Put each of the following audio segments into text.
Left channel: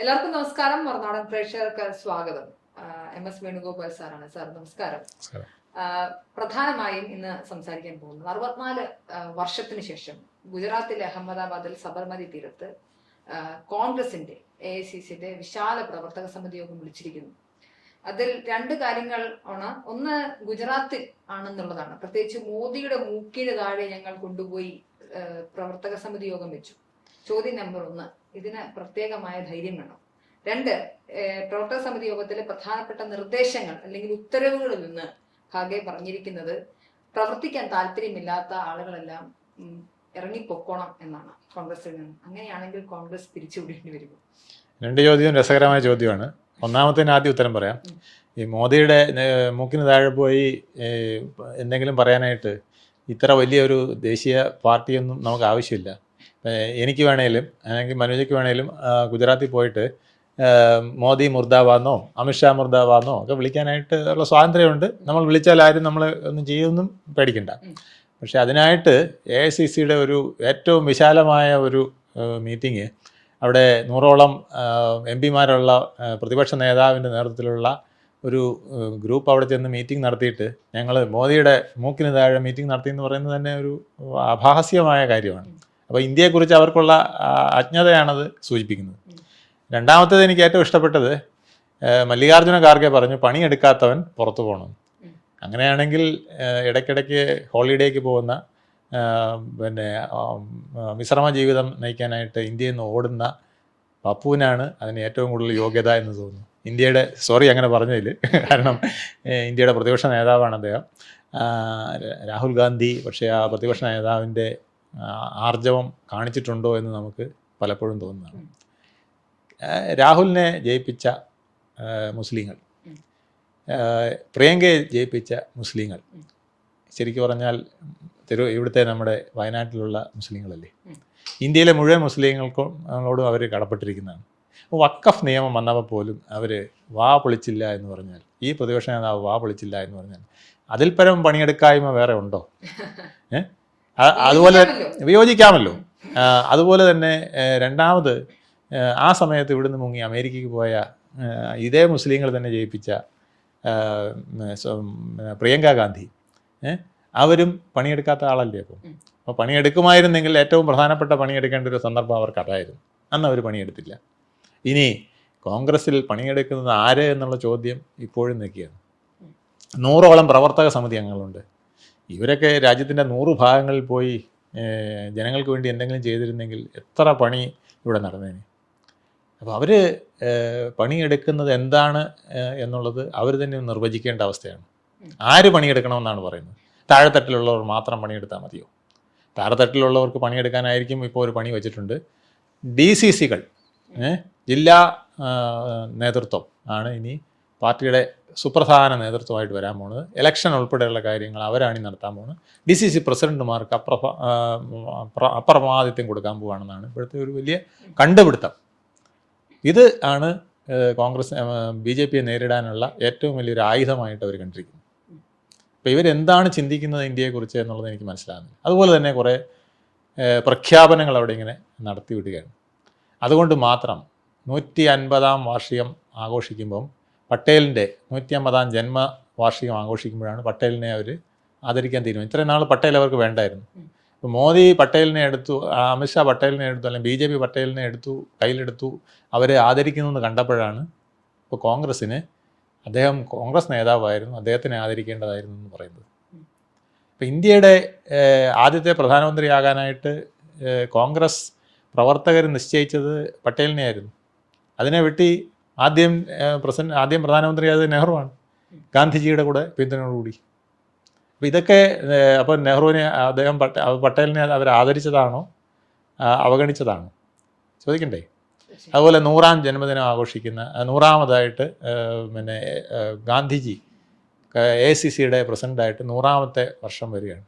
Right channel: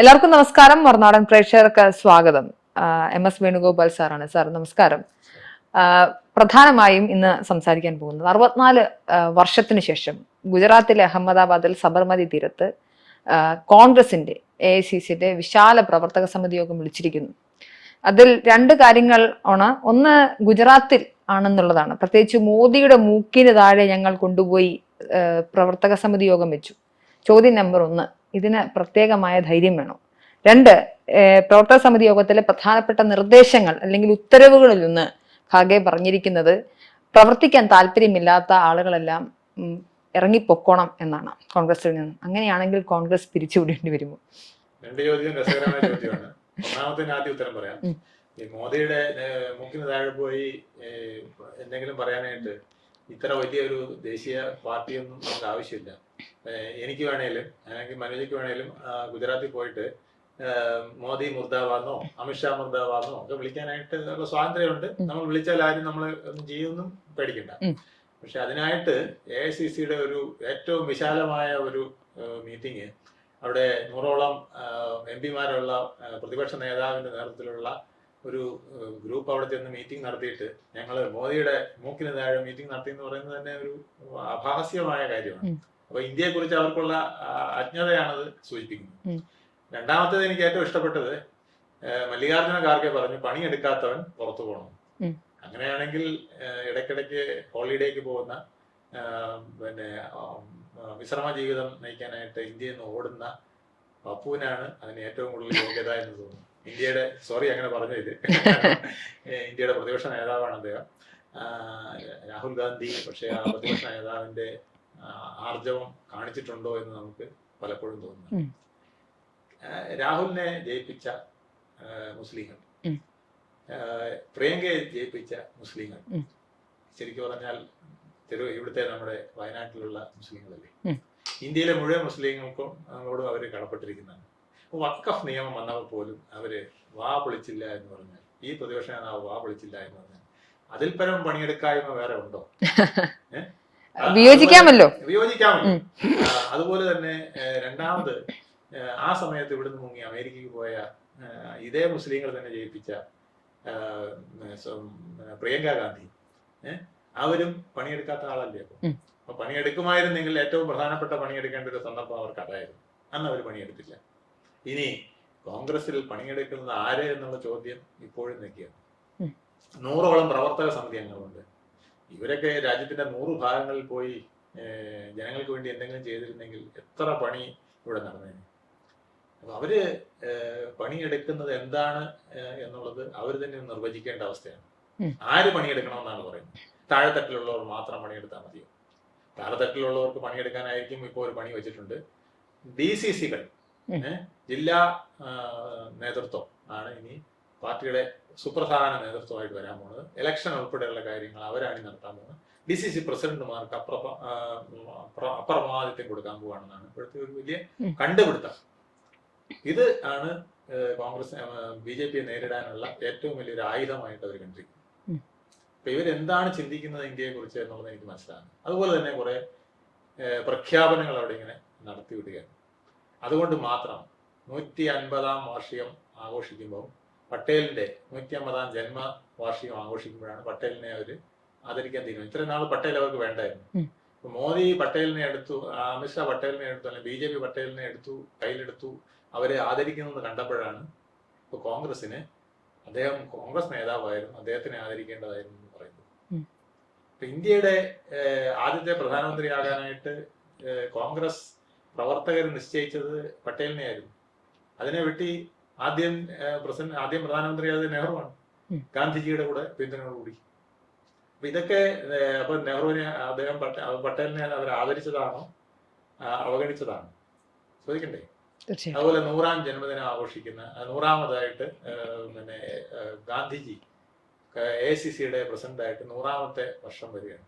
എല്ലാവർക്കും നമസ്കാരം. മറുനാടൻ പ്രേക്ഷകർക്ക് സ്വാഗതം. MS വേണുഗോപാൽ സാറാണ്. സാർ നമസ്കാരം. പ്രധാനമായും ഇന്ന് സംസാരിക്കാൻ പോകുന്നത് 64 വർഷത്തിന് ശേഷം ഗുജറാത്തിലെ അഹമ്മദാബാദിൽ സബർമതി തീരത്ത് കോൺഗ്രസിന്റെ AICCയുടെ വിശാല പ്രവർത്തക സമിതി യോഗം വിളിച്ചിരിക്കുന്നു. അതിൽ രണ്ട് കാര്യങ്ങൾ ആണ്. ഒന്ന്, ഗുജറാത്തിൽ ആണെന്നുള്ളതാണ്. പ്രത്യേകിച്ച് മോദിയുടെ മൂക്കിന് താഴെ ഞങ്ങൾ കൊണ്ടുപോയി പ്രവർത്തക സമിതി യോഗം വെച്ചു. ചോദ്യം നമ്പർ 1, ഇതിന് പ്രത്യേകമായ ധൈര്യം വേണം. 2, പ്രവർത്തക സമിതി യോഗത്തിലെ പ്രധാനപ്പെട്ട നിർദ്ദേശങ്ങൾ അല്ലെങ്കിൽ ഉത്തരവുകളിൽ നിന്ന് ഖാർഗെ പറഞ്ഞിരിക്കുന്നത് പ്രവർത്തിക്കാൻ താല്പര്യമില്ലാത്ത ആളുകളെല്ലാം ഇറങ്ങിപ്പൊക്കോണം എന്നാണ് കോൺഗ്രസിൽ നിന്ന്. അങ്ങനെയാണെങ്കിൽ കോൺഗ്രസ് പിരിച്ചുവിടേണ്ടി വരുമോ? രണ്ട് ചോദ്യവും രസകരമായ ചോദ്യമാണ്. ഒന്നാമത്തേന് ആദ്യം ഉത്തരം പറയാം. ഈ മോദിയുടെ മൂക്കിന് താഴെ പോയി എന്തെങ്കിലും പറയാനായിട്ട് ഇത്ര വലിയൊരു ദേശീയ പാർട്ടിയൊന്നും നമുക്ക് ആവശ്യമില്ല. എനിക്ക് വേണേലും അല്ലെങ്കിൽ മനോജയ്ക്ക് വേണേലും ഗുജറാത്തിൽ പോയിട്ട് മോദി മുർദാബാദെന്നോ അമിത്ഷാ മുർദാബാദെന്നോ ഒക്കെ വിളിക്കാനായിട്ട് ഉള്ള സ്വാതന്ത്ര്യമുണ്ട്. നമ്മൾ വിളിച്ചാൽ ആരും നമ്മളെ ഒന്നും ചെയ്യുമെന്നും പേടിക്കണ്ട. പക്ഷെ അതിനായിട്ട് AICCയുടെ ഒരു ഏറ്റവും വിശാലമായ ഒരു മീറ്റിംഗ്, അവിടെ 100ഓളം MP-മാരുള്ള പ്രതിപക്ഷ നേതാവിൻ്റെ നേതൃത്വത്തിലുള്ള ഒരു ഗ്രൂപ്പ് അവിടെ ചെന്ന് മീറ്റിംഗ് നടത്തിയിട്ട് ഞങ്ങൾ മോദിയുടെ മൂക്കിന് താഴെ മീറ്റിംഗ് നടത്തി എന്ന് പറയുന്നത് തന്നെ ഒരു അപഹാസ്യമായ കാര്യമാണ്. അപ്പോൾ ഇന്ത്യയെക്കുറിച്ച് അവർക്കുള്ള അജ്ഞതയാണത് സൂചിപ്പിക്കുന്നത്. രണ്ടാമത്തേത് എനിക്ക് ഏറ്റവും ഇഷ്ടപ്പെട്ടത്, മല്ലികാർജ്ജുന ഖാർഗെ പറഞ്ഞു പണിയെടുക്കാത്തവൻ പുറത്തു പോകണം. അങ്ങനെയാണെങ്കിൽ ഇടയ്ക്കിടയ്ക്ക് ഹോളിഡേക്ക് പോകുന്ന വിശ്രമ ജീവിതം നയിക്കാനായിട്ട് ഇന്ത്യയിൽ നിന്ന് ഓടുന്ന പപ്പുവിനാണ് അതിന് ഏറ്റവും കൂടുതൽ യോഗ്യത എന്ന് തോന്നുന്നു. ഇന്ത്യയുടെ അങ്ങനെ പറഞ്ഞതിൽ, കാരണം ഇന്ത്യയുടെ പ്രതിപക്ഷ നേതാവാണ് അദ്ദേഹം. രാഹുൽ ഗാന്ധി പക്ഷേ ആ പ്രതിപക്ഷ നേതാവിൻ്റെ ആർജവം കാണിച്ചിട്ടുണ്ടോ എന്ന് നമുക്ക് പലപ്പോഴും തോന്നുന്നു. രാഹുലിനെ ജയിപ്പിച്ച മുസ്ലിങ്ങൾ, പ്രിയങ്കയെ ജയിപ്പിച്ച മുസ്ലിങ്ങൾ, ശരിക്കും പറഞ്ഞാൽ ഇവിടുത്തെ നമ്മുടെ വയനാട്ടിലുള്ള മുസ്ലിങ്ങളല്ലേ, ഇന്ത്യയിലെ മുഴുവൻ മുസ്ലിങ്ങളോടും അവർ കടപ്പെട്ടിരിക്കുന്നതാണ്. വഖഫ് നിയമം വന്നപ്പോൾ പോലും അവർ വാ പൊളിച്ചില്ല എന്ന് പറഞ്ഞാൽ, ഈ പ്രതിപക്ഷ നേതാവ് വാ പൊളിച്ചില്ല എന്ന് പറഞ്ഞാൽ അതിൽ പരം പണിയെടുക്കായ്മ വേറെ ഉണ്ടോ? വിയോജിക്കാമല്ലോ. അതുപോലെ തന്നെ രണ്ടാമത്, ആ സമയത്ത് ഇവിടുന്ന് മുങ്ങി അമേരിക്കയ്ക്ക് പോയ ഇതേ മുസ്ലിങ്ങൾ തന്നെ ജയിപ്പിച്ച പ്രിയങ്ക ഗാന്ധി, അവരും പണിയെടുക്കാത്ത ആളല്ലേ. അപ്പോൾ പണിയെടുക്കുമായിരുന്നെങ്കിൽ ഏറ്റവും പ്രധാനപ്പെട്ട പണിയെടുക്കേണ്ട ഒരു സന്ദർഭം അവർക്ക് അതായിരുന്നു. അന്ന് അവർ പണിയെടുത്തില്ല. ഇനി കോൺഗ്രസിൽ പണിയെടുക്കുന്നത് ആര് എന്നുള്ള ചോദ്യം ഇപ്പോഴും നിൽക്കുകയാണ്. 100ഓളം പ്രവർത്തക സമിതി അംഗങ്ങളുണ്ട്. ഇവരൊക്കെ രാജ്യത്തിൻ്റെ 100 ഭാഗങ്ങളിൽ പോയി ജനങ്ങൾക്ക് വേണ്ടി എന്തെങ്കിലും ചെയ്തിരുന്നെങ്കിൽ എത്ര പണി ഇവിടെ നടന്നേനെ. അപ്പോൾ അവർ പണിയെടുക്കുന്നത് എന്താണ് എന്നുള്ളത് അവർ തന്നെ നിർവചിക്കേണ്ട അവസ്ഥയാണ്. ആര് പണിയെടുക്കണമെന്നാണ് പറയുന്നത്? താഴെത്തട്ടിലുള്ളവർ മാത്രം പണിയെടുത്താൽ മതിയോ? താഴെത്തട്ടിലുള്ളവർക്ക് പണിയെടുക്കാനായിരിക്കും ഇപ്പോൾ ഒരു പണി വെച്ചിട്ടുണ്ട്. DCCകൾ, ജില്ലാ നേതൃത്വം ആണ് ഇനി പാർട്ടിയുടെ സുപ്രധാന നേതൃത്വമായിട്ട് വരാൻ പോകുന്നത്. ഇലക്ഷൻ ഉൾപ്പെടെയുള്ള കാര്യങ്ങൾ അവരാണ് നടത്താൻ പോകുന്നത്. DCC പ്രസിഡന്റുമാർക്ക് അപ്രമാദിത്യം കൊടുക്കാൻ പോവുകയാണെന്നാണ് ഇപ്പോഴത്തെ ഒരു വലിയ കണ്ടുപിടുത്തം. ഇത് ആണ് കോൺഗ്രസ് BJPയെ നേരിടാനുള്ള ഏറ്റവും വലിയൊരു ആയുധമായിട്ട് അവർ കണ്ടിരിക്കുന്നത്. അപ്പോൾ ഇവരെന്താണ് ചിന്തിക്കുന്നത് ഇന്ത്യയെക്കുറിച്ച് എന്നുള്ളത് എനിക്ക് മനസ്സിലാകുന്നു. അതുപോലെ തന്നെ കുറേ പ്രഖ്യാപനങ്ങൾ അവിടെ ഇങ്ങനെ നടത്തി വിടുകയാണ്. അതുകൊണ്ട് മാത്രം 150-ാം വാർഷികം ആഘോഷിക്കുമ്പം പട്ടേലിൻ്റെ 150-ാം ജന്മവാർഷികം ആഘോഷിക്കുമ്പോഴാണ് പട്ടേലിനെ അവർ ആദരിക്കാൻ തീരുമാനം. ഇത്രയും നാൾ പട്ടേൽ അവർക്ക് വേണ്ടായിരുന്നു. ഇപ്പോൾ മോദി പട്ടേലിനെ എടുത്തു, അമിത്ഷാ പട്ടേലിനെ എടുത്തു, അല്ലെങ്കിൽ BJP പട്ടേലിനെ കയ്യിലെടുത്തു, അവരെ ആദരിക്കുന്നതെന്ന് കണ്ടപ്പോഴാണ് ഇപ്പോൾ കോൺഗ്രസ്സിന്, അദ്ദേഹം കോൺഗ്രസ് നേതാവായിരുന്നു, അദ്ദേഹത്തിനെ ആദരിക്കേണ്ടതായിരുന്നു എന്ന് പറയുന്നത്. ഇപ്പോൾ ഇന്ത്യയുടെ ആദ്യത്തെ പ്രധാനമന്ത്രിയാകാനായിട്ട് കോൺഗ്രസ് പ്രവർത്തകർ നിശ്ചയിച്ചത് പട്ടേലിനെയായിരുന്നു. അതിനെ വെട്ടി ആദ്യം പ്രധാനമന്ത്രിയായത് നെഹ്റുവാണ്, ഗാന്ധിജിയുടെ കൂടെ പിന്തുണയോടുകൂടി. അപ്പോൾ ഇതൊക്കെ അപ്പോൾ നെഹ്റുവിനെ പട്ടേലിനെ അവർ ആദരിച്ചതാണോ അവഗണിച്ചതാണോ ചോദിക്കണ്ടേ? അതുപോലെ 100-ാം ജന്മദിനം ആഘോഷിക്കുന്ന 100-ാമതായിട്ട് ഗാന്ധിജി AICCയുടെ പ്രസിഡൻ്റായിട്ട് 100-ാമത്തെ വർഷം വരികയാണ്.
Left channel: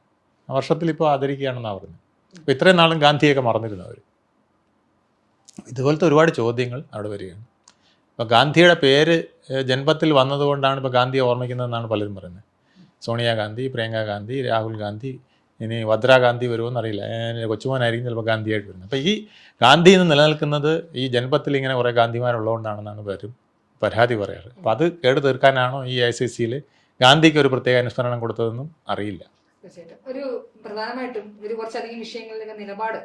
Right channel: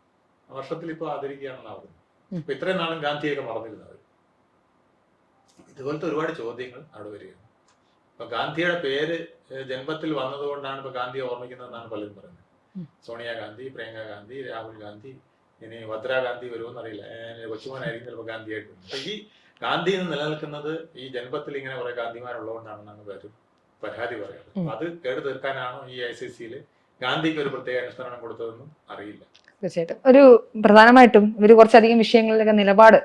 ആ വർഷത്തിൽ ഇപ്പോൾ ആദരിക്കുകയാണെന്നാണ് പറയുന്നത്. ഇപ്പോൾ ഇത്രയും നാളും ഗാന്ധിയൊക്കെ മറന്നിരുന്നവർ. ഇതുപോലത്തെ ഒരുപാട് ചോദ്യങ്ങൾ അവിടെ വരികയാണ്. ഇപ്പോൾ ഗാന്ധിയുടെ പേര് ജന്മത്തിൽ വന്നതുകൊണ്ടാണ് ഇപ്പോൾ ഗാന്ധിയെ ഓർമ്മിക്കുന്നതെന്നാണ് പലരും പറയുന്നത്. സോണിയാഗാന്ധി, പ്രിയങ്ക ഗാന്ധി, രാഹുൽ ഗാന്ധി, ഇനി വദ്ര ഗാന്ധി വരുമോയെന്ന് അറിയില്ല, കൊച്ചുമോനായിരിക്കും ചിലപ്പോൾ ഗാന്ധിയായിട്ട് വരുന്നത്. അപ്പോൾ ഈ ഗാന്ധി എന്ന് നിലനിൽക്കുന്നത് ഈ ജനപത്തിൽ ഇങ്ങനെ കുറേ ഗാന്ധിമാരുള്ളതുകൊണ്ടാണെന്നാണ് പലരും പരാതി പറയാറ്. അപ്പോൾ അത് കേട് തീർക്കാനാണോ ഈ ICCയിൽ ഗാന്ധിക്ക് ഒരു പ്രത്യേക അനുസ്മരണം കൊടുത്തതെന്നും അറിയില്ല. തീർച്ചയായിട്ടും ഒരു പ്രധാനമായിട്ടും ഇവർ കുറച്ചധികം വിഷയങ്ങളിലൊക്കെ നിലപാട്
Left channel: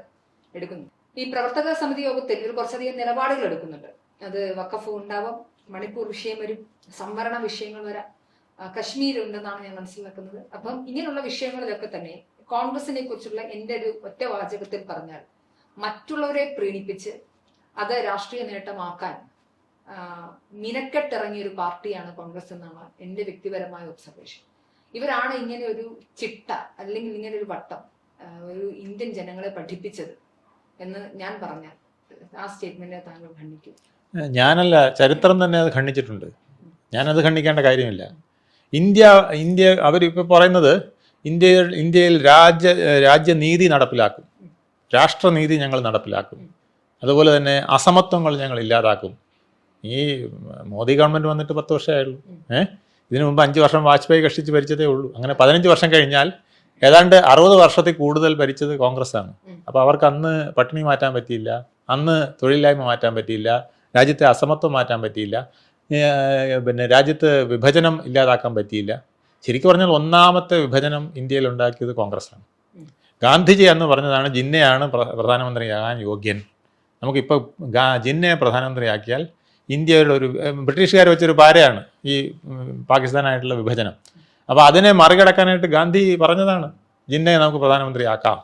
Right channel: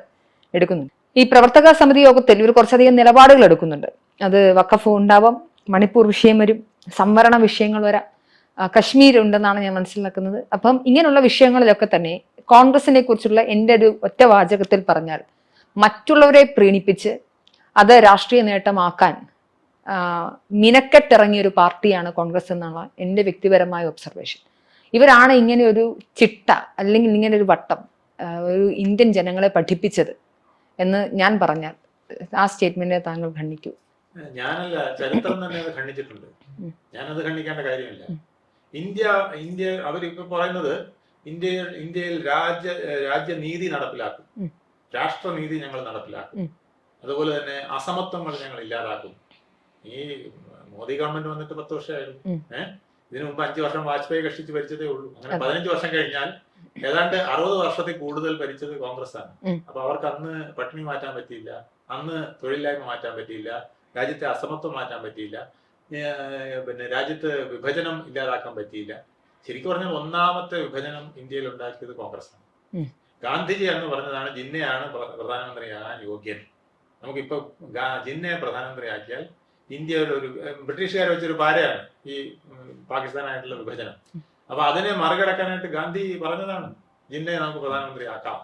എടുക്കുന്നുണ്ട്. ഈ പ്രവർത്തക സമിതി യോഗത്തിൽ ഇവർ കുറച്ചധികം നിലപാടുകൾ എടുക്കുന്നുണ്ട്. അത് വഖഫ് ഉണ്ടാവാം, മണിപ്പൂർ വിഷയം വരും, സംവരണ വിഷയങ്ങൾ വരാം, കശ്മീർ ഉണ്ടെന്നാണ് ഞാൻ മനസ്സിലാക്കുന്നത്. അപ്പം ഇങ്ങനെയുള്ള വിഷയങ്ങളിലൊക്കെ തന്നെ കോൺഗ്രസിനെ കുറിച്ചുള്ള എൻ്റെ ഒരു ഒറ്റ വാചകത്തിൽ പറഞ്ഞാൽ മറ്റുള്ളവരെ പ്രീണിപ്പിച്ച് അത് രാഷ്ട്രീയ നേട്ടമാക്കാൻ മിനക്കെട്ടിറങ്ങിയ ഒരു പാർട്ടിയാണ് കോൺഗ്രസ് എന്നാണ് എൻ്റെ വ്യക്തിപരമായ ഒബ്സർവേഷൻ. ഇവരാണ് ഇങ്ങനെ ഒരു ചിട്ട അല്ലെങ്കിൽ ഇങ്ങനെ ഒരു വട്ടം ഒരു ഇന്ത്യൻ ജനങ്ങളെ പഠിപ്പിച്ചത് എന്ന് ഞാൻ പറഞ്ഞാൽ ആ സ്റ്റേറ്റ്മെന്റിനെ താങ്കൾ ഖണ്ഡിക്കൂ? ഞാനല്ല, ചരിത്രം തന്നെ അത് ഖണ്ഡിച്ചിട്ടുണ്ട്. ഞാനത് ഖണ്ഡിക്കേണ്ട കാര്യമില്ല. ഇന്ത്യ അവരിപ്പോൾ പറയുന്നത് ഇന്ത്യയിൽ രാജ്യനീതി നടപ്പിലാക്കും, രാഷ്ട്രനീതി ഞങ്ങൾ നടപ്പിലാക്കും, അതുപോലെ തന്നെ അസമത്വങ്ങൾ ഞങ്ങൾ ഇല്ലാതാക്കും. ഈ മോദി ഗവൺമെന്റ് വന്നിട്ട് 10 വർഷമായുള്ളൂ. ഇതിനു മുമ്പ് 5 വർഷം വാജ്പേയി കഷ്ടിച്ച് ഭരിച്ചതേ ഉള്ളൂ. അങ്ങനെ 15 വർഷം കഴിഞ്ഞാൽ ഏതാണ്ട് 60 വർഷത്തിൽ കൂടുതൽ ഭരിച്ചത് കോൺഗ്രസ് ആണ്. അപ്പൊ അവർക്ക് അന്ന് പട്ടിണി മാറ്റാൻ പറ്റിയില്ല, അന്ന് തൊഴിലില്ലായ്മ മാറ്റാൻ പറ്റിയില്ല, രാജ്യത്തെ അസമത്വം മാറ്റാൻ പറ്റിയില്ല, പിന്നെ രാജ്യത്ത് വിഭജനം ഇല്ലാതാക്കാൻ പറ്റിയില്ല. ശരിക്കും പറഞ്ഞാൽ ഒന്നാമത്തെ വിഭജനം ഇന്ത്യയിൽ ഉണ്ടാക്കിയത് കോൺഗ്രസ് ആണ്. ഗാന്ധിജി എന്ന് പറഞ്ഞതാണ് ജിന്നയാണ് പ്രധാനമന്ത്രിയാകാൻ യോഗ്യൻ. നമുക്കിപ്പോൾ ജിന്നയെ പ്രധാനമന്ത്രിയാക്കിയാൽ ഇന്ത്യയുടെ ഒരു ബ്രിട്ടീഷുകാർ വെച്ചൊരു പാരയാണ് ഈ പാകിസ്ഥാനായിട്ടുള്ള വിഭജനം. അപ്പോൾ അതിനെ മറികടക്കാനായിട്ട് ഗാന്ധി പറഞ്ഞതാണ് ജിന്നയെ നമുക്ക് പ്രധാനമന്ത്രിയാക്കാം.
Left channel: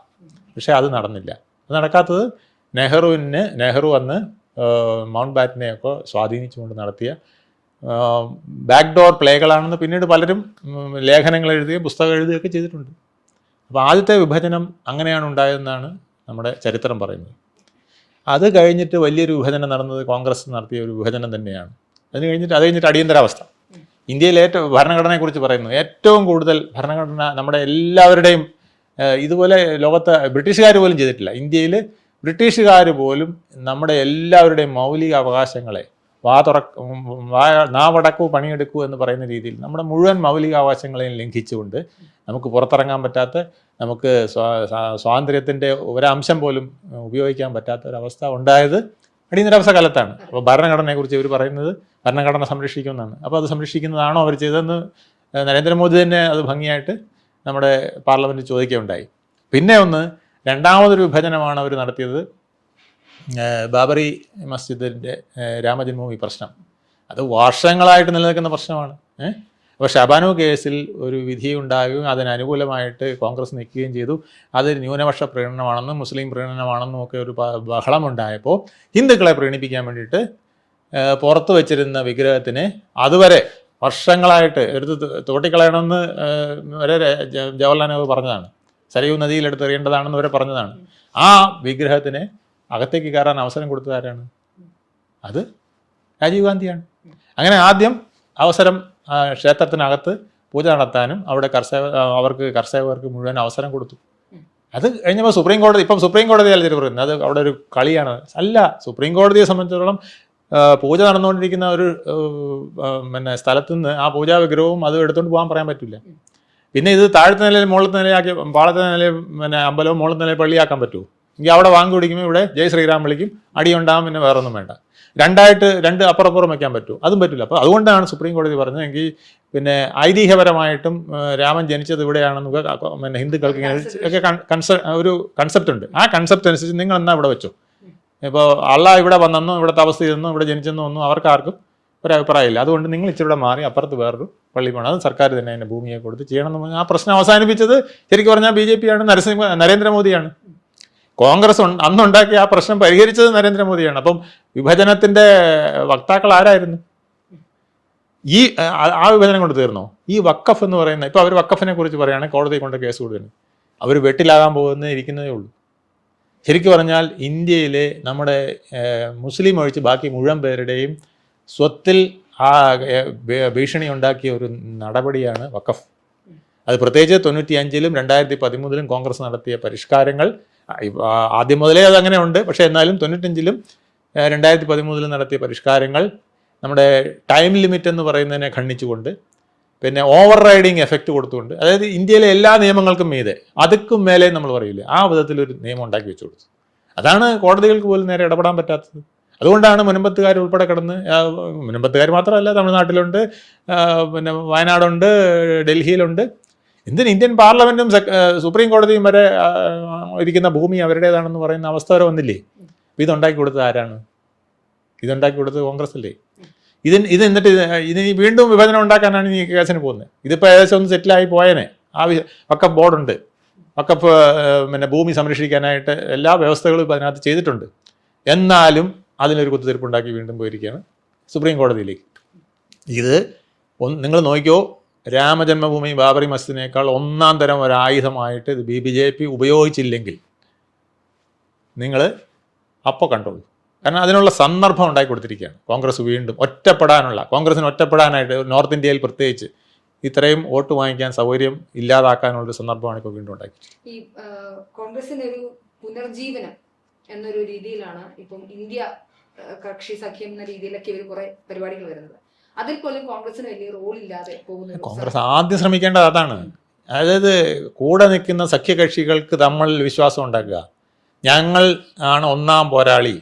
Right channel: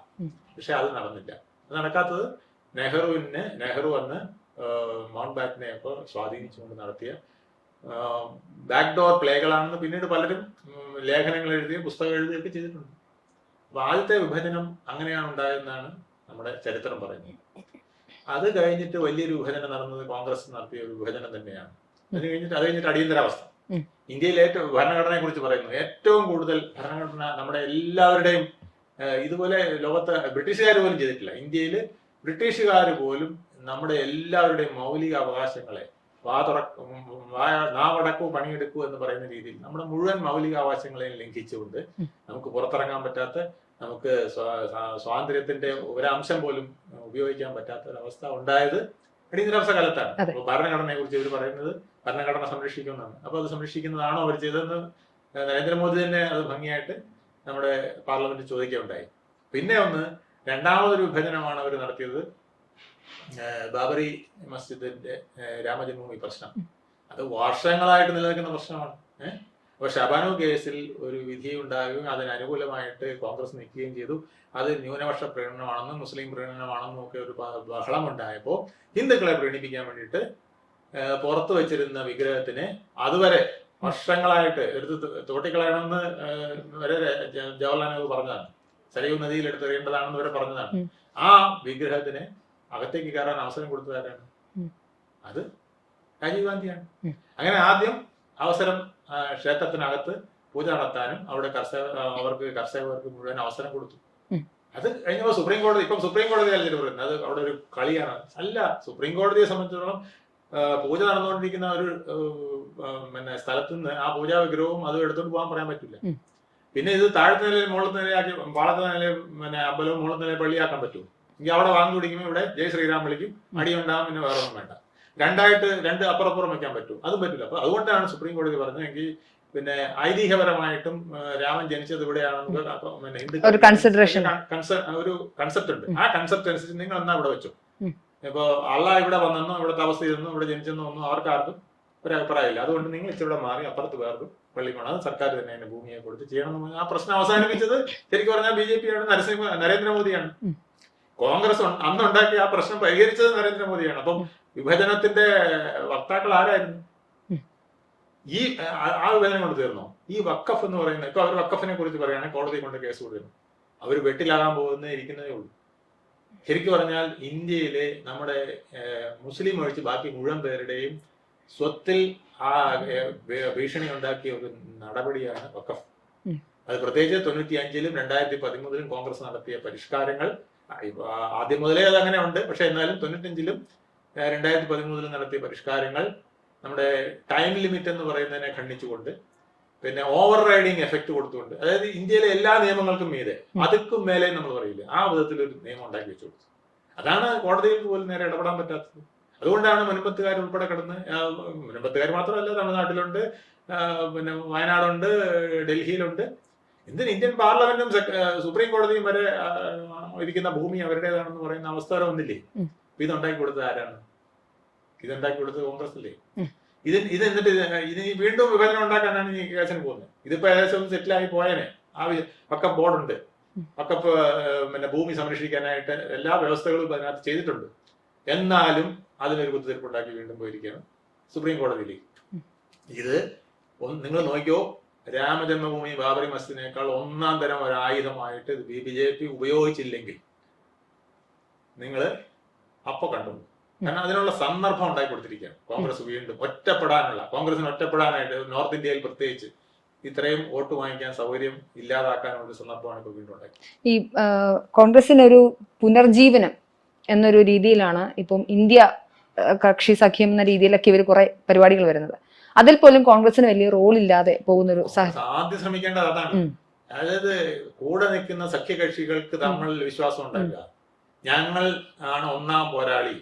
പക്ഷെ അത് നടന്നില്ല. അത് നടക്കാത്തത് നെഹ്റു അന്ന് മൗണ്ട് ബാറ്റനെയൊക്കെ സ്വാധീനിച്ചുകൊണ്ട് നടത്തിയ ബാക്ക്ഡോർ പ്ലേകളാണെന്ന് പിന്നീട് പലരും ലേഖനങ്ങൾ എഴുതുകയും പുസ്തകം എഴുതുകയൊക്കെ ചെയ്തിട്ടുണ്ട്. അപ്പോൾ ആദ്യത്തെ വിഭജനം അങ്ങനെയാണ് ഉണ്ടായതെന്നാണ് നമ്മുടെ ചരിത്രം പറയുന്നത്. അത് കഴിഞ്ഞിട്ട് വലിയൊരു വിഭജനം നടന്നത് കോൺഗ്രസ് നടത്തിയ ഒരു വിഭജനം തന്നെയാണ്. അത് കഴിഞ്ഞിട്ട് അടിയന്തരാവസ്ഥ. ഇന്ത്യയിൽ ഭരണഘടനയെക്കുറിച്ച് പറയുന്നു, ഏറ്റവും കൂടുതൽ ഭരണഘടന നമ്മുടെ എല്ലാവരുടെയും ഇതുപോലെ ലോകത്ത് ബ്രിട്ടീഷുകാർ പോലും ചെയ്തിട്ടില്ല. ഇന്ത്യയിൽ ബ്രിട്ടീഷുകാർ പോലും നമ്മുടെ എല്ലാവരുടെയും മൗലിക അവകാശങ്ങളെ നാവടക്കൂ പണിയെടുക്കൂ എന്ന് പറയുന്ന രീതിയിൽ നമ്മുടെ മുഴുവൻ മൗലിക അവകാശങ്ങളെയും ലംഘിച്ചുകൊണ്ട് നമുക്ക് പുറത്തിറങ്ങാൻ പറ്റാത്ത, നമുക്ക് സ്വാതന്ത്ര്യത്തിന്റെ ഒരംശം പോലും ഉപയോഗിക്കാൻ പറ്റാത്ത ഒരവസ്ഥ ഉണ്ടായത് അടിയന്തരാവസ്ഥ കാലത്താണ്. അപ്പോൾ ഭരണഘടനയെ കുറിച്ച് ഇവർ പറയുന്നത് ഭരണഘടന സംരക്ഷിക്കുമെന്നാണ്. അപ്പോൾ അത് സംരക്ഷിക്കുന്നതാണോ അവർ ചെയ്തതെന്ന് നരേന്ദ്രമോദി തന്നെ അത് ഭംഗിയായിട്ട് നമ്മുടെ പാർലമെന്റിൽ ചോദിക്കുകയുണ്ടായി. പിന്നെ രണ്ടാമതൊരു വിഭജനമാണ് അവർ നടത്തിയത്, ബാബറി മസ്ജിദിന്റെ രാമജന്മഭൂമി പ്രശ്നം. അത് വർഷങ്ങളായിട്ട് നിലനിൽക്കുന്ന പ്രശ്നമാണ്. അപ്പോൾ ഷബാനു കേസിൽ ഒരു വിധി ഉണ്ടാകുകയും അതിനനുകൂലമായിട്ട് കോൺഗ്രസ് നിൽക്കുകയും ചെയ്തു. അത് ന്യൂനപക്ഷ പ്രീണനമാണെന്നും മുസ്ലിം പ്രീണനമാണെന്നും ഒക്കെ ഒരു ബഹളമുണ്ടായപ്പോൾ ഹിന്ദുക്കളെ പ്രീണിപ്പിക്കാൻ വേണ്ടിയിട്ട് പുറത്തു വെച്ചിരുന്ന വിഗ്രഹത്തിന് അതുവരെ വർഷങ്ങളായിട്ട് എടുത്ത് തോട്ടിക്കളയണമെന്ന് വരെ ജവഹർലാൽ നെഹ്റു പറഞ്ഞതാണ്. സരയൂ നദിയിലെടുത്ത് എറിയേണ്ടതാണെന്ന് വരെ പറഞ്ഞതാണ്. ആ വിഗ്രഹത്തിന് അകത്തേക്ക് കയറാൻ അവസരം കൊടുത്തത് ആരാണ്? അത് രാജീവ് ഗാന്ധിയാണ്. അങ്ങനെ ആദ്യം അവസരം ക്ഷേത്രത്തിനകത്ത് പൂജ നടത്താനും അവിടെ കർഷകർക്ക് മുഴുവൻ അവസരം കൊടുത്തു. അത് കഴിഞ്ഞപ്പോൾ സുപ്രീം കോടതി അല്ല പറയുന്നത്, അത് അവിടെ ഒരു കളിയാണ്. അല്ല, സുപ്രീം കോടതിയെ സംബന്ധിച്ചിടത്തോളം പൂജ നടന്നുകൊണ്ടിരിക്കുന്ന ഒരു സ്ഥലത്ത് നിന്ന് ആ പൂജാ വിഗ്രഹവും അത് എടുത്തുകൊണ്ട് പോകാൻ പറയാൻ പറ്റില്ല. പിന്നെ ഇത് താഴത്തെ നിലയിൽ മുകളിലത്തെ നിലയാക്കി പാളത്തെ നിലയിൽ അമ്പലവും മുകളിലത്തെ നിലയിൽ പള്ളിയാക്കാൻ പറ്റുമോ? എങ്കിൽ അവിടെ വാങ്ങി കുടിക്കുമ്പോൾ ഇവിടെ ജയ് ശ്രീറാം വിളിക്കും, അടിയുണ്ടാകും, പിന്നെ വേറൊന്നും വേണ്ട. രണ്ട് അപ്പുറപ്പുറം വയ്ക്കാൻ പറ്റുമോ? അതും പറ്റില്ല. അപ്പോൾ അതുകൊണ്ടാണ് സുപ്രീം കോടതി പറഞ്ഞത് എങ്കിൽ പിന്നെ ഐതിഹ്യപരമായിട്ടും രാമൻ ജനിച്ചത് ഇവിടെയാണെന്ന് ഹിന്ദുക്കൾക്ക് ഒരു കൺസെപ്റ്റ് ഉണ്ട്. ആ കൺസെപ്റ്റ് അനുസരിച്ച് നിങ്ങൾ എന്നാ ഇവിടെ വെച്ചു. ഇപ്പോൾ അള്ളാഹ് ഇവിടെ വന്നെന്നോ ഇവിടെ തപസ് ചെയ്തെന്നോ ഇവിടെ ജനിച്ചെന്നോ ഒന്നും അവർക്കാർക്കും ഒരഭിപ്രായമില്ല. അതുകൊണ്ട് നിങ്ങൾ ഇച്ചിരി ഇവിടെ മാറി അപ്പുറത്ത് വേറൊരു പള്ളി പോകണം, അത് സർക്കാർ തന്നെ അതിൻ്റെ ഭൂമിയെ കൊടുത്ത് ചെയ്യണം എന്ന് പറഞ്ഞാൽ ആ പ്രശ്നം അവസാനിപ്പിച്ചത് ശരിക്കും പറഞ്ഞാൽ BJP ആണ്, നരേന്ദ്രമോദിയാണ്. കോൺഗ്രസ് അന്നുണ്ടാക്കി ആ പ്രശ്നം പരിഹരിച്ചത് നരേന്ദ്രമോദിയാണ്. അപ്പം വിഭജനത്തിന്റെ വക്താക്കൾ ആരായിരുന്നു? ആ വിഭജനം കൊണ്ട് തീർന്നോ? ഈ വഖഫ് എന്ന് പറയുന്ന, ഇപ്പൊ അവർ വഖഫിനെ കുറിച്ച് പറയുകയാണെങ്കിൽ കോടതി കൊണ്ട് കേസ് കൊടുക്കുന്നു. അവർ വെട്ടിലാകാൻ ഇരിക്കുന്നതേ ഉള്ളൂ. ശരിക്കും പറഞ്ഞാൽ ഇന്ത്യയിലെ നമ്മുടെ മുസ്ലിം ഒഴിച്ച് ബാക്കി മുഴുവൻ പേരുടെയും സ്വത്തിൽ ആ ഭീഷണി ഉണ്ടാക്കിയ ഒരു നടപടിയാണ് വഖഫ്. അത് പ്രത്യേകിച്ച് 95-ലും 2013-ലും കോൺഗ്രസ് നടത്തിയ പരിഷ്കാരങ്ങൾ, ആദ്യം മുതലേ അതങ്ങനെ ഉണ്ട്. പക്ഷെ എന്നാലും 95-ലും 2013-ലും നടത്തിയ പരിഷ്കാരങ്ങൾ നമ്മുടെ ടൈം ലിമിറ്റ് എന്ന് പറയുന്നതിനെ ഖണ്ഡിച്ചുകൊണ്ട് പിന്നെ ഓവർ റൈഡിങ് എഫക്റ്റ് കൊടുത്തുകൊണ്ട്, അതായത് ഇന്ത്യയിലെ എല്ലാ നിയമങ്ങൾക്കും മീതെ അതുക്കും മേലെ നമ്മൾ പറയില്ലേ, ആ വിധത്തിലൊരു നിയമം ഉണ്ടാക്കി വെച്ചു കൊടുത്തു. അതാണ് കോടതികൾക്ക് പോലും നേരെ ഇടപെടാൻ പറ്റാത്തത്. അതുകൊണ്ടാണ് മുനമ്പത്തുകാർ ഉൾപ്പെടെ കിടന്ന്, മുനമ്പത്തുകാർ മാത്രമല്ല, തമിഴ്നാട്ടിലുണ്ട്, പിന്നെ വയനാടുണ്ട്, ഡൽഹിയിലുണ്ട്. എന്തിന് ഇന്ത്യൻ പാർലമെന്റും സുപ്രീം കോടതിയും വരെ ഇരിക്കുന്ന ഭൂമി അവരുടേതാണെന്ന് പറയുന്ന അവസ്ഥ വരെ വന്നില്ലേ? ഇതുണ്ടാക്കി കൊടുത്തത് ആരാണ്? ഇതുണ്ടാക്കി കൊടുത്തത് കോൺഗ്രസ് അല്ലേ? ഇത് എന്നിട്ട് ഇത് വീണ്ടും വിഭജനം ഉണ്ടാക്കാനാണ് ഈ കേസിന് പോകുന്നത്. ഇതിപ്പോൾ ഏകദേശം ഒന്ന് സെറ്റിലായി പോയേനെ. വക്കഫ് ബോർഡുണ്ട്, വക്കഫ് പിന്നെ ഭൂമി സംരക്ഷിക്കാനായിട്ട് എല്ലാ വ്യവസ്ഥകളും ഇപ്പം അതിനകത്ത് ചെയ്തിട്ടുണ്ട്. എന്നാലും അതിനൊരു കുത്തിത്തിരിപ്പുണ്ടാക്കി വീണ്ടും പോയിരിക്കുകയാണ് സുപ്രീം കോടതിയിലേക്ക്. ഇത് നിങ്ങൾ നോക്കിയോ, രാമജന്മഭൂമി ബാബറി മസ്ജിദിനേക്കാൾ ഒന്നാം തരം ഒരു ആയുധമായിട്ട് ഇത് BJP ഉപയോഗിച്ചില്ലെങ്കിൽ നിങ്ങൾ അപ്പോൾ കണ്ടോളൂ. കാരണം അതിനുള്ള സന്ദർഭം ഉണ്ടാക്കി കൊടുത്തിരിക്കുകയാണ് കോൺഗ്രസ്. വീണ്ടും കോൺഗ്രസിന് ഒറ്റപ്പെടാനായിട്ട് നോർത്ത് ഇന്ത്യയിൽ പ്രത്യേകിച്ച് ഇത്രയും വോട്ട് വാങ്ങിക്കാൻ സൗകര്യം ഇല്ലാതാക്കാനുള്ള സന്ദർഭമാണ് ഇപ്പോൾ വീണ്ടും ഉണ്ടാക്കി. ഈ കോൺഗ്രസിനൊരു പുനർജീവനം എന്നൊരു രീതിയിലാണ് ഇപ്പം ഇന്ത്യ കക്ഷി സഖ്യം എന്ന രീതിയിലൊക്കെ ഇവർ കുറെ പരിപാടികൾ വരുന്നത്. അതിൽ പോലും കോൺഗ്രസിന് വലിയ റോൾ ഇല്ലാതെ പോകുന്നൊരു ആദ്യം ശ്രമിക്കേണ്ടത് അതാണ്. അതായത് കൂടെ നിൽക്കുന്ന സഖ്യകക്ഷികൾക്ക് തമ്മിൽ വിശ്വാസം ഉണ്ടാക്കുക. ഞങ്ങൾ ആണ് ഒന്നാം പോരാളി.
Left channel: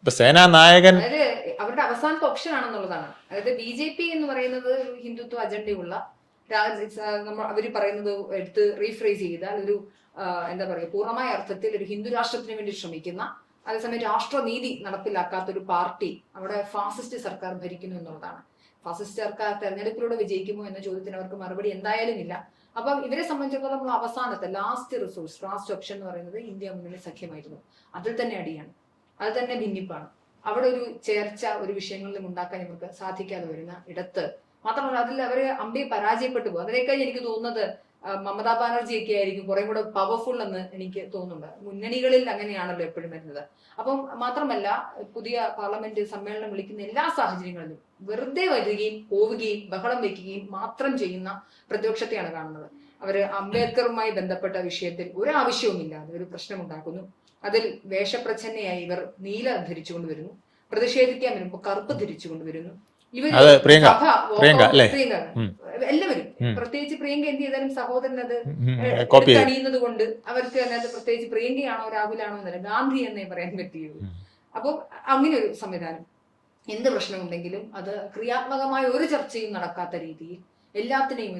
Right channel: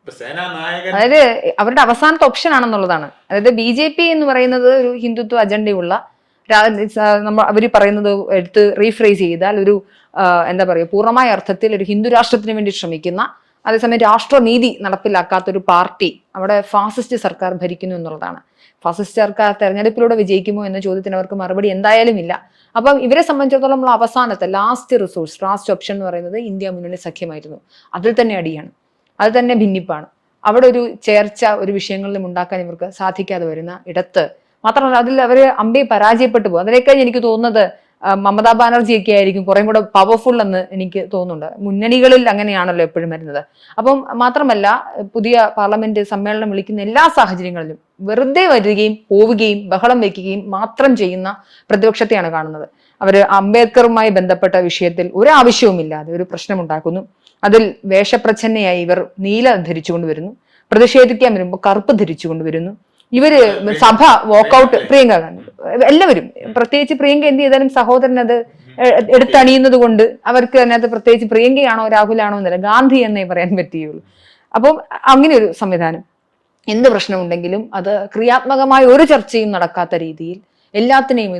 ഇപ്പൊ സേനാ നായകൻ അതായത് അവരുടെ അവസാനത്തെ ഓപ്ഷൻ ആണെന്നുള്ളതാണ്. അതായത് BJP എന്ന് പറയുന്നത് ഒരു ഹിന്ദുത്വ അജണ്ടയുള്ള, അവർ പറയുന്നത് എടുത്ത് റീഫ്രേസ് ചെയ്താൽ ഒരു എന്താ പറയുക, പൂർണ്ണമായ അർത്ഥത്തിൽ ഒരു ഹിന്ദു രാഷ്ട്രത്തിന് വേണ്ടി ശ്രമിക്കുന്ന, അതേസമയം രാഷ്ട്രനീതി നടപ്പിലാക്കാത്തൊരു പാർട്ടി അവിടെ ഫാസിസ്റ്റ് സർക്കാർ ഭരിക്കുന്നു എന്നുള്ളതാണ്. ഫാസിസ്റ്റ് സർക്കാർ തെരഞ്ഞെടുപ്പിലൂടെ വിജയിക്കുമോ എന്ന ചോദ്യത്തിന് അവർക്ക് മറുപടി എന്തായാലും ഇല്ല. അപ്പം ഇവരെ സംബന്ധിച്ചിടത്തോളം നമ്മൾ അവസാനത്തെ ലാസ്റ്റ് ഓപ്ഷൻ എന്ന് പറയുന്നത് ഇന്ത്യ മുന്നണി സഖ്യമായിരുന്നു. അതിൽ തന്നെ അടിയാണ്, അത് തന്നെ ഭിന്നിപ്പാണ്. അവിടെ ഒരു ചേർച്ച ഒരു വിഷയങ്ങളിലും ഉണ്ടാക്കാൻ ഇവർക്ക് സാധിക്കാതെ വരുന്ന ഇടത്ത് മാത്രമല്ല അതിൽ അവർ പരാജയപ്പെട്ടു പോകും. അതിനേക്കാൾ എനിക്ക് തോന്നുന്നത് മമതാ ബാനർജിയൊക്കെ ആയിരിക്കും കുറേ കൂടെ പവർഫുൾ എന്ന് എനിക്ക് തോന്നുന്നുണ്ട്. മുന്നണികളിൽ അങ്ങനെയാണല്ലോ എപ്പോഴും വരുന്നത്. അപ്പം മാത്രമല്ല പുതിയ പാർലമെന്റ് സമ്മേളനം വിളിക്കുന്ന എല്ലാ സാഹചര്യങ്ങളിലും വെറുതെ വരികയും പോവുകയും ബഹളം വയ്ക്കുകയും മാത്രം ചെയ്യുന്ന പ്രതിപക്ഷത്തെയാണ് കാണുന്നത്. അവർ അംബേദ്കറുമായി ബന്ധപ്പെട്ട വിഷയത്തിൽ ഒരു ആവശ്യവുമില്ലാതെ ഒരു പ്രശ്നമുണ്ടാക്കുന്നു. അതിൽ വേഷപ്രച്ഛന്നയായി ഇവർ നീല ധരിച്ചുകൊണ്ട് വരുന്നു. പ്രതിഷേധിക്കാൻ വരുമ്പോൾ കറുപ്പ് ധരിച്ചുകൊണ്ട് വരുന്നു. ഇവര് സഭ വാക്കൗട്ട്, പ്രിയങ്ക എല്ലാവരും, പ്രത്യേകിച്ച് പ്രിയങ്ക എന്ത് ചെയ്താലും സഹോദരൻ അത് എടുത്തണിയുന്നത് കൊണ്ട് അവർക്ക് അതിനകത്ത് പ്രത്യേകിച്ച് പ്രിയങ്കയാണോ രാഹുലാണോ എന്നല്ല, ഗാന്ധി എന്നേ പറയാൻ പറ്റുകയുള്ളൂ. അപ്പം അങ്ങനെ ഒരു സംവിധാനം. എന്ത് പ്രശ്നമുണ്ടെങ്കിലും അത് ക്രിയാത്മകമായ ഒരു ചർച്ചയും നടക്കാത്ത രീതിയിൽ എല്ലാത്തിനെയും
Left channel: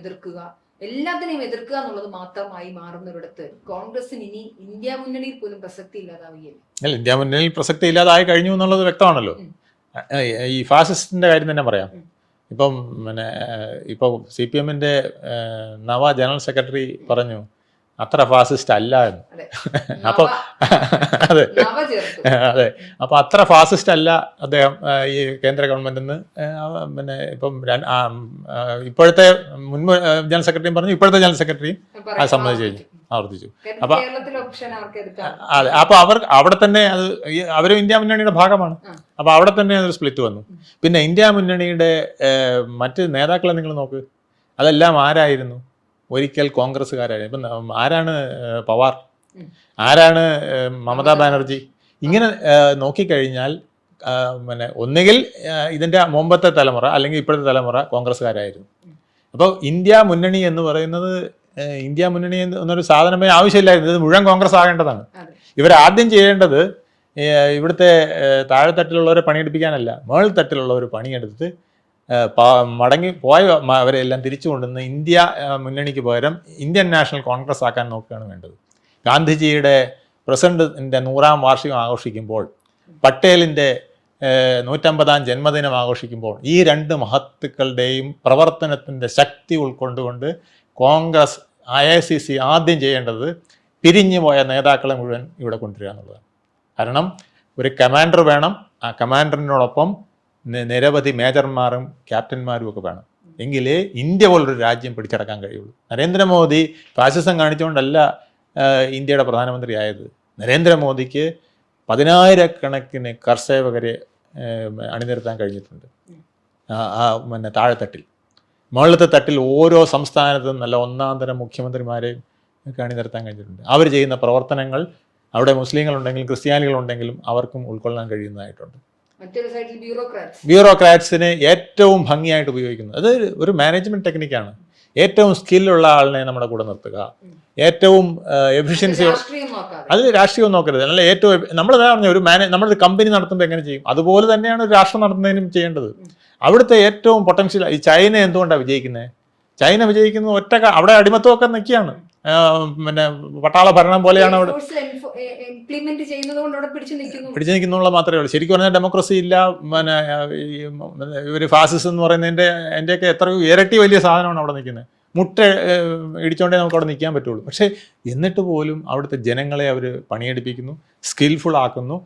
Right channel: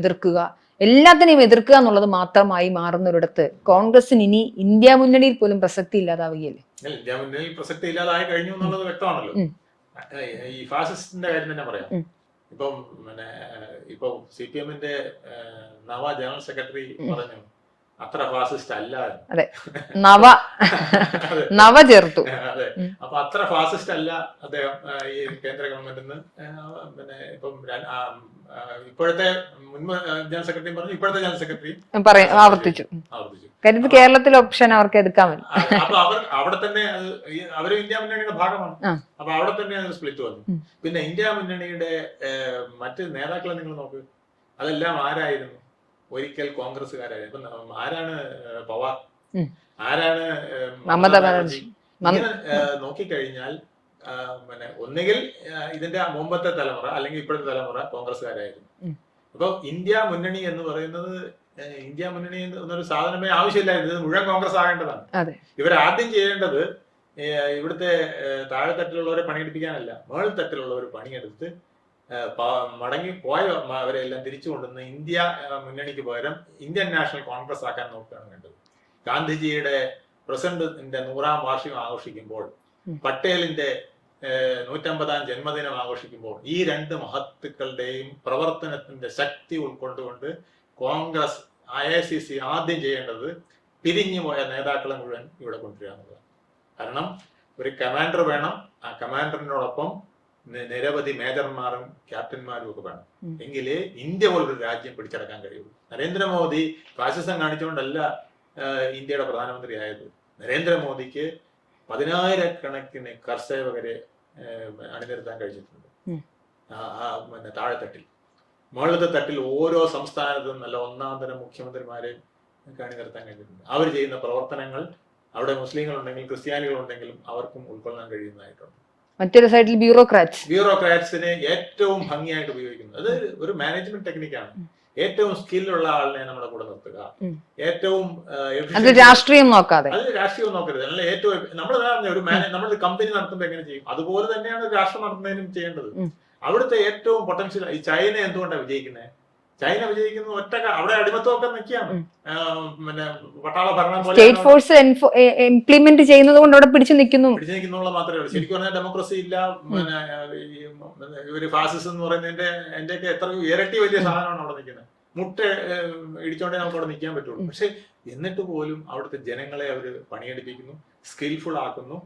എതിർക്കുക എന്നുള്ളത് മാത്രമായി മാറുന്നൊരിടത്ത് കോൺഗ്രസിന് ഇനി ഇന്ത്യ മുന്നണിയിൽ പോലും പ്രസക്തി ഇല്ലാതാവുകയല്ലേ? അല്ല, ഇന്ത്യ മുന്നണിയിൽ പ്രസക്തി ഇല്ലാതായി കഴിഞ്ഞു എന്നുള്ളത് വ്യക്തമാണല്ലോ. ഈ ഫാസിസ്റ്റിന്റെ കാര്യം തന്നെ പറയാം. ഇപ്പം ഇപ്പൊ CPM-ന്റെ നവ ജനറൽ സെക്രട്ടറി പറഞ്ഞു അത്ര ഫാസിസ്റ്റ് അല്ല എന്ന്. അതെ, അതെ. അപ്പൊ അത്ര ഫാസിസ്റ്റ് അല്ല അദ്ദേഹം ഈ കേന്ദ്ര ഗവൺമെന്റിന്ന്. ഇപ്പം ഇപ്പോഴത്തെ മുൻ ജനറൽ സെക്രട്ടറിയും പറഞ്ഞു, ഇപ്പോഴത്തെ ജനറൽ സെക്രട്ടറിയും ആവർത്തിച്ചു. കേരളത്തിലെ ഓപ്ഷൻ അവർക്ക് എടുക്കാം. അതെ, അപ്പൊ അവിടെ തന്നെ അവരും ഇന്ത്യ മുന്നണിയുടെ ഭാഗമാണ്. അപ്പൊ അവിടെ തന്നെ ഒരു സ്പ്ലിറ്റ് വന്നു. പിന്നെ ഇന്ത്യ മുന്നണിയുടെ മറ്റ് നേതാക്കളെ നിങ്ങൾ നോക്ക്, അതെല്ലാം ആരായിരുന്നു? ഒരിക്കൽ കോൺഗ്രസ്സുകാരായിരുന്നു. ഇപ്പം ആരാണ് പവാർ, ആരാണ് മമതാ ബാനർജി? ഇങ്ങനെ നോക്കിക്കഴിഞ്ഞാൽ ഒന്നുകിൽ ഇതിന്റെ മുമ്പത്തെ തലമുറ അല്ലെങ്കിൽ ഇപ്പോഴത്തെ തലമുറ കോൺഗ്രസ്സുകാരായിരുന്നു. അപ്പോൾ ഇന്ത്യ മുന്നണി എന്ന് പറയുന്നത്, ഇന്ത്യ മുന്നണി എന്നൊരു സാധനമേ ആവശ്യമില്ലായിരുന്നു. ഇത് മുഴുവൻ കോൺഗ്രസ് ആകേണ്ടതാണ്. ഇവരാദ്യം ചെയ്യേണ്ടത് ഇവിടുത്തെ താഴെത്തട്ടിലുള്ളവരെ പണിയെടുപ്പിക്കാനല്ല, മേൾത്തട്ടിലുള്ളവർ പണിയെടുത്ത് മടങ്ങി പോയ അവരെല്ലാം തിരിച്ചു കൊണ്ടുവന്ന് ഇന്ത്യ മുന്നണിക്ക് പകരം ഇന്ത്യൻ നാഷണൽ കോൺഗ്രസ് ആക്കാൻ നോക്കുകയാണ് വേണ്ടത്. ഗാന്ധിജിയുടെ പ്രസിഡന്റിന്റെ 100ാം വാർഷികം ആഘോഷിക്കുമ്പോൾ, പട്ടേലിന്റെ 150ാം ജന്മദിനം ആഘോഷിക്കുമ്പോൾ, ഈ രണ്ട് മഹത്തുക്കളുടെയും പ്രവർത്തനത്തിന്റെ ശക്തി ഉൾക്കൊണ്ടുകൊണ്ട് കോൺഗ്രസ് IICC ആദ്യം ചെയ്യേണ്ടത് പിരിഞ്ഞു പോയ നേതാക്കളെ മുഴുവൻ ഇവിടെ കൊണ്ടുവരിക എന്നുള്ളതാണ്. കാരണം ഒരു കമാൻഡർ വേണം, ആ കമാൻഡറിനോടൊപ്പം നിരവധി മേജർമാരും ക്യാപ്റ്റന്മാരും ഒക്കെ വേണം. എങ്കിലേ ഇന്ത്യ പോലൊരു രാജ്യം പിടിച്ചടക്കാൻ കഴിയുള്ളൂ. നരേന്ദ്രമോദി ഫാസിസം കാണിച്ചുകൊണ്ടല്ല ഇന്ത്യയുടെ പ്രധാനമന്ത്രി ആയത്. നരേന്ദ്രമോദിക്ക് 10,000-കണക്കിന് കർഷകരെ അണിനിരത്താൻ കഴിഞ്ഞിട്ടുണ്ട്. താഴെത്തട്ടിൽ, മുകളിലത്തെ തട്ടിൽ ഓരോ സംസ്ഥാനത്തും നല്ല ഒന്നാം തരം മുഖ്യമന്ത്രിമാരെയും അണിനിരത്താൻ കഴിഞ്ഞിട്ടുണ്ട്. അവർ ചെയ്യുന്ന പ്രവർത്തനങ്ങൾ അവിടെ മുസ്ലിങ്ങളുണ്ടെങ്കിലും ക്രിസ്ത്യാനികളുണ്ടെങ്കിലും അവർക്കും ഉൾക്കൊള്ളാൻ കഴിയുന്നതായിട്ടുണ്ട്. മറ്റൊരു സൈഡിൽ ബ്യൂറോക്രാറ്റ്സിനെ ഏറ്റവും ഭംഗിയായിട്ട് ഉപയോഗിക്കുന്നത്. അത് ഒരു മാനേജ്മെന്റ് ടെക്നിക്കാണ്. ഏറ്റവും സ്കില്ലുള്ള ആളിനെ നമ്മുടെ കൂടെ നിർത്തുക, ഏറ്റവും എഫിഷ്യൻസി. രാഷ്ട്രീയം നോക്കാതെ, അത് രാഷ്ട്രീയം നോക്കരുത്. അല്ല, ഏറ്റവും നമ്മളതാ പറഞ്ഞ ഒരു നമ്മളൊരു കമ്പനി നടത്തുമ്പോൾ എങ്ങനെ ചെയ്യും അതുപോലെ തന്നെയാണ് ഒരു രാഷ്ട്രം നടത്തുന്നതിനും ചെയ്യേണ്ടത്. അവിടുത്തെ ഏറ്റവും പൊട്ടൻഷ്യൽ. ഈ ചൈന എന്തുകൊണ്ടാണ് വിജയിക്കുന്നത്? ചൈന വിജയിക്കുന്നത് അവിടെ അടിമത്തമൊക്കെ നിൽക്കുകയാണ്. പിന്നെ പട്ടാള ഭരണം പോലെയാണ് ഇംപ്ലിമെന്റ് ചെയ്യുന്നത് കൊണ്ട് അവിടെ പിടിച്ചു നിൽക്കുന്നുള്ള മാത്രമേ ഉള്ളൂ. ശരിക്കും പറഞ്ഞാൽ ഡെമോക്രസി ഇല്ല. പിന്നെ ഒരു ഫാസിസം എന്ന് പറയുന്നതിന്റെ അതിന്റെയൊക്കെ എത്രയോ ഇരട്ടി വലിയ സാധനമാണ് അവിടെ നിൽക്കുന്നത്. മുട്ട ഇടിച്ചോണ്ടേ നമുക്ക് അവിടെ നിൽക്കാൻ പറ്റുള്ളൂ. പക്ഷെ എന്നിട്ട് പോലും അവിടുത്തെ ജനങ്ങളെ അവർ പണിയെടുപ്പിക്കുന്നു, സ്കിൽഫുൾ ആക്കുന്നു,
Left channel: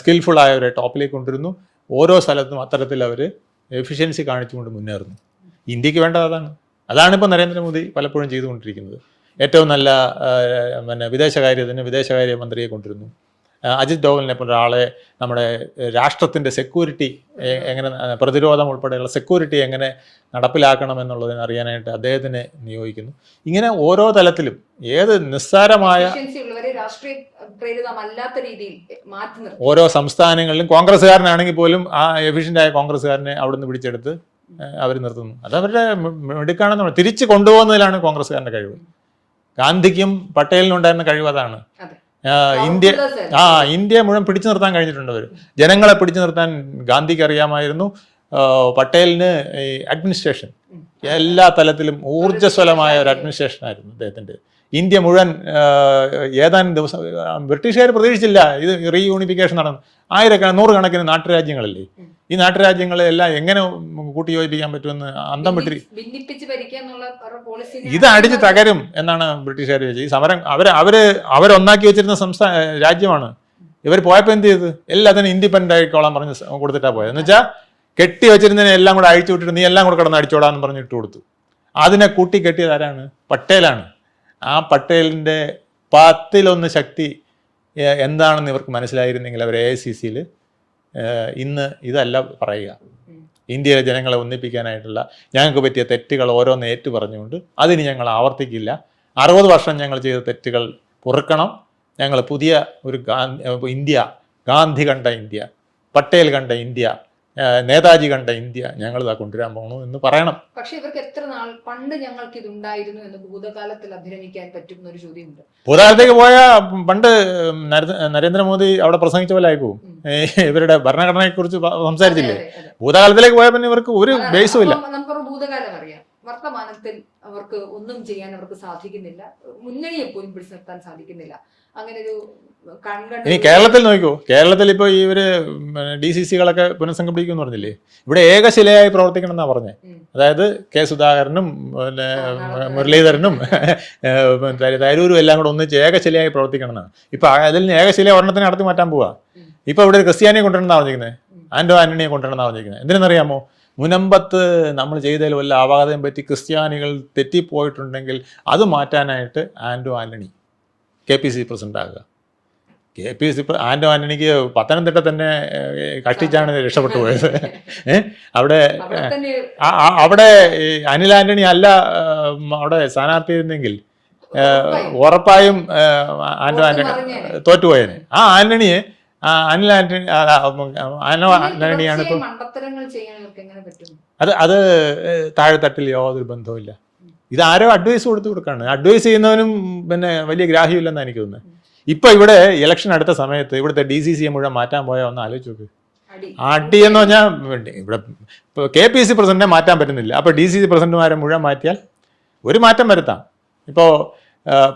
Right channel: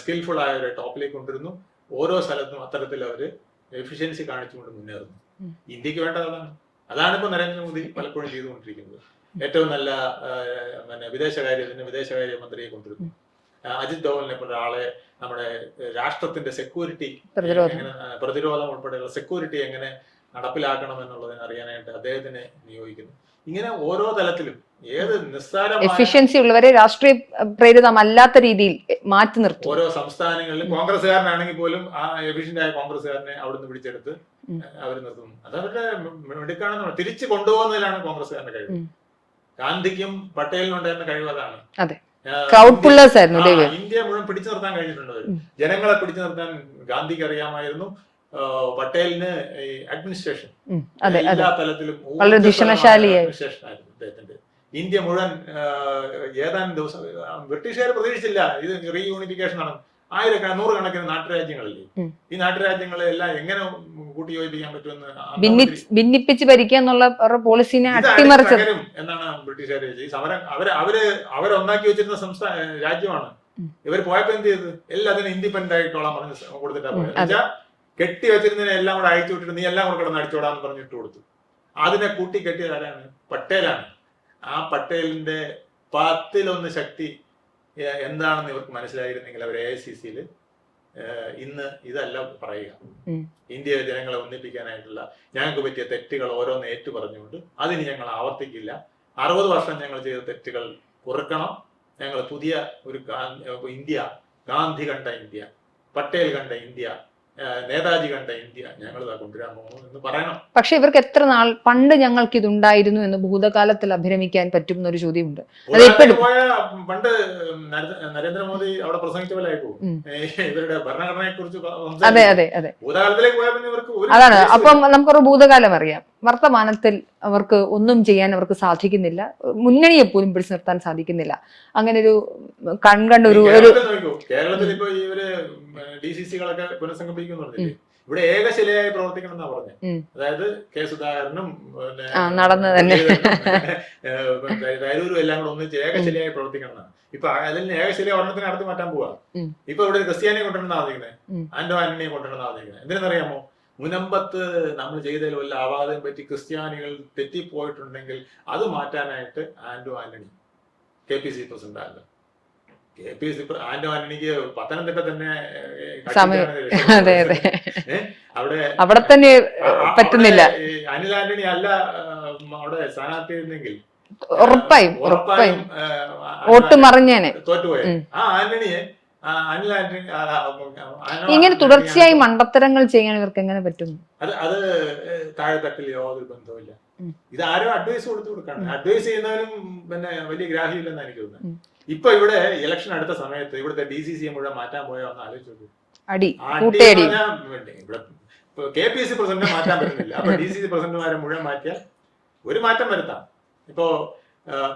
സ്കിൽഫുൾ ആയവരെ ടോപ്പിലേക്ക് കൊണ്ടുവരുന്നു. ഓരോ സ്ഥലത്തും അത്തരത്തിൽ അവർ എഫിഷ്യൻസി കാണിച്ചുകൊണ്ട് മുന്നേറുന്നു. ഇന്ത്യക്ക് വേണ്ടത് അതാണ് ഇപ്പോൾ നരേന്ദ്രമോദി പലപ്പോഴും ചെയ്തുകൊണ്ടിരിക്കുന്നത്. ഏറ്റവും നല്ല വിദേശകാര്യ മന്ത്രിയെ കൊണ്ടുവരുന്നു. അജിത് ഡോവലിനെ പോലെ ഒരാളെ നമ്മുടെ രാഷ്ട്രത്തിന്റെ സെക്യൂരിറ്റി എങ്ങനെ, പ്രതിരോധം ഉൾപ്പെടെയുള്ള സെക്യൂരിറ്റി എങ്ങനെ നടപ്പിലാക്കണം എന്നുള്ളതിന് അറിയാനായിട്ട് അദ്ദേഹത്തിനെ നിയോഗിക്കുന്നു. ഇങ്ങനെ ഓരോ തലത്തിലും ഏത് നിസ്സാരമായ ഉള്ളവരെ രാഷ്ട്രീയ പ്രേരിതമല്ലാത്ത രീതിയിൽ മാറ്റി നിർത്തും. ഓരോ സംസ്ഥാനങ്ങളിലും കോൺഗ്രസ്സുകാരനാണെങ്കിൽ പോലും ആ എഫിഷ്യന്റ് ആയ കോൺഗ്രസ്സുകാരനെ അവിടുന്ന് പിടിച്ചെടുത്ത് അവർ നിർത്തുന്നു. അത് അവരുടെ മിടുക്കാണെന്ന് തിരിച്ചു കൊണ്ടുപോകുന്നതിലാണ് കോൺഗ്രസ്സുകാരന്റെ കഴിവ്. ഗാന്ധിക്കും പട്ടേലിനും ഉണ്ടായിരുന്ന കഴിവ് അതാണ്. ഇന്ത്യ മുഴുവൻ പിടിച്ചു നിർത്താൻ കഴിഞ്ഞിട്ടുണ്ട് അവർ. ജനങ്ങളെ പിടിച്ചു നിർത്താൻ ഗാന്ധിക്ക് അറിയാമായിരുന്നു. പട്ടേലിന് ഈ അഡ്മിനിസ്ട്രേഷൻ എല്ലാ തലത്തിലും ഊർജ്ജസ്വലമായ ഒരു അഡ്മിനിസ്ട്രേഷൻ ആയിരുന്നു അദ്ദേഹത്തിന്റെ. ഇന്ത്യ മുഴുവൻ ഏതാനും ദിവസം ബ്രിട്ടീഷുകാർ പ്രതീക്ഷിച്ചില്ല ഇത് റീയൂണിഫിക്കേഷൻ നടന്നു. നൂറുകണക്കിന് നാട്ടുരാജ്യങ്ങളല്ലേ. ഈ നാട്ടുരാജ്യങ്ങളെ എല്ലാം എങ്ങനെ കൂട്ടിയോജിപ്പിക്കാൻ പറ്റുമെന്ന് ഭിന്നിപ്പിച്ച് ഭരിക്കുക എന്നുള്ള പോളിസിനെ ഇത് അടിച്ച് തകരും എന്നാണ് ബ്രിട്ടീഷുകാർ ചോദിച്ചത്. ഈ സമരം അവരൊന്നാക്കി വെച്ചിരുന്ന രാജ്യമാണ്. ഇവർ പോയപ്പോ എന്ത് ചെയ്ത് എല്ലാത്തിനും ഇൻഡിപെൻഡന്റ് ആയിക്കോളാൻ പറഞ്ഞ് കൊടുത്തിട്ടാ പോയത്. എന്ന് വെച്ചാൽ കെട്ടി വെച്ചിരുന്നതിനെ എല്ലാം കൂടെ അഴിച്ചു വിട്ടിട്ട് നീ എല്ലാം കൂടെ കിടന്ന് അടിച്ചോടാന്ന് പറഞ്ഞ് ഇട്ട് കൊടുത്തു. അതിനെ കൂട്ടി കെട്ടിയത് ആരാണ്? പട്ടേലാണ്. ആ പട്ടേലിന്റെ 10-1 ശക്തി എന്താണെന്ന് ഇവർക്ക് മനസ്സിലായിരുന്നെങ്കിൽ അവർ AICCയിൽ ഇന്ന് ഇതല്ല പറയുക. ഇന്ത്യയിലെ ജനങ്ങളെ ഒന്നിപ്പിക്കാനായിട്ടുള്ള ഞങ്ങൾക്ക് പറ്റിയ തെറ്റുകൾ ഓരോന്ന് ഏറ്റു പറഞ്ഞുകൊണ്ട് അതിന് ഞങ്ങൾ ആവർത്തിക്കില്ല. 60 വർഷം ഞങ്ങൾ ചെയ്ത തെറ്റുകൾ പൊറുക്കണം. ഞങ്ങൾ പുതിയ ഒരു ഇന്ത്യ, ഗാന്ധി കണ്ട ഇന്ത്യ, പട്ടേൽ കണ്ട ഇന്ത്യ, നേതാജി കണ്ട ഇന്ത്യ ഞങ്ങളിതാ കൊണ്ടുവരാൻ പോകുന്നു എന്ന് പറയണം. പക്ഷെ ഇവർക്ക് എത്ര നാൾ പണ്ട് ഞങ്ങൾക്ക് ഇതുണ്ടായിരുന്നു എന്ന് ഭൂതകാലത്തിൽ അഭിരമിക്കാൻ പറ്റും എന്നൊരു ചോദ്യമുണ്ട്. ഭൂതകാലത്തേക്ക് പോയ പണ്ട് നരേന്ദ്രമോദി അവിടെ പ്രസംഗിച്ച പോലെ ആയി പോകും. ഇവരുടെ ഭരണഘടനയെ കുറിച്ച് സംസാരിച്ചു. ഭൂതകാലത്തിലേക്ക് പോയ പിന്നെ ഇവർക്ക് ഒരു നമുക്കൊരു ഭൂതകാലം അറിയാം. വർത്തമാനത്തിൽ അവർക്ക് ഒന്നും ചെയ്യാൻ അവർക്ക് സാധിക്കുന്നില്ല. മുന്നണിയെ പോലും പിടിച്ചു നിർത്താൻ സാധിക്കുന്നില്ല. അങ്ങനെ ഒരു കേരളത്തിൽ നോക്കൂ. കേരളത്തിൽ ഇപ്പൊ ഇവര് DCCകളൊക്കെ പുനഃസംഘടിപ്പിക്കുമെന്ന് പറഞ്ഞില്ലേ? ഇവിടെ ഏകശിലയായി പ്രവർത്തിക്കണം എന്നാ പറഞ്ഞത്. അതായത് കെ സുധാകരനും മുരളീധരനും തരൂരും എല്ലാം കൂടെ ഒന്നിച്ച് ഏകശിലയായി പ്രവർത്തിക്കണം എന്നാണ്. ഇപ്പൊ അതിൽ നിന്ന് ഏകശില ഒരെണ്ണത്തിന് നടത്തി മാറ്റാൻ പോവാ. ഇപ്പൊ ഇവിടെ ക്രിസ്ത്യാനിയെ കൊണ്ടുവരണമെന്നാ പറഞ്ഞിരിക്കുന്നത്, ആന്റണിയെ കൊണ്ടുവരണമെന്നാ പറഞ്ഞിരിക്കുന്നത്. എന്തിനെന്നറിയാമോ? മുനമ്പത്ത് നമ്മൾ ചെയ്തതിൽ വല്ല അപാകതയും പറ്റി ക്രിസ്ത്യാനികൾ തെറ്റിപ്പോയിട്ടുണ്ടെങ്കിൽ അത് മാറ്റാനായിട്ട് ആന്റണി KPC പ്രസിഡന്റ് ആകുക. ആന്റണിക്ക് പത്തനംതിട്ട തന്നെ കക്ഷിച്ചാണ് രക്ഷപ്പെട്ടത്. അവിടെ അനിൽ ആന്റണി അല്ല അവിടെ സ്ഥാനാർത്ഥി ആയിരുന്നെങ്കിൽ ഉറപ്പായും തോറ്റുപോയത്. ആ ആന്റണിയെ അനിൽ ആന്റണി തുടർച്ചയായി മണ്ടത്തരങ്ങൾ ചെയ്യാൻ ഇവർക്ക് എങ്ങനെ പറ്റും? അത് താഴെത്തട്ടിൽ യാതൊരു ബന്ധവുമില്ല. ഇത് ആരോ അഡ്വൈസ് കൊടുക്കാണ്. അഡ്വൈസ് ചെയ്യുന്നവനും പിന്നെ വലിയ ഗ്രാഹ്യമില്ലെന്ന് എനിക്ക് തോന്നുന്നത്. ഇപ്പൊ ഇവിടെ ഇലക്ഷൻ അടുത്ത സമയത്ത് ഇവിടുത്തെ DCC മുഴുവൻ മാറ്റാൻ പോയാൽ ഒന്ന് ആലോചിച്ച് നോക്ക്. അടി എന്ന് പറഞ്ഞാൽ ഇവിടെ KPC പ്രസിഡന്റിനെ മാറ്റാൻ പറ്റുന്നില്ല. അപ്പൊ DCC പ്രസിഡന്റുമാരെ മുഴുവൻ മാറ്റിയാൽ ഒരു മാറ്റം വരുത്താം. ഇപ്പോ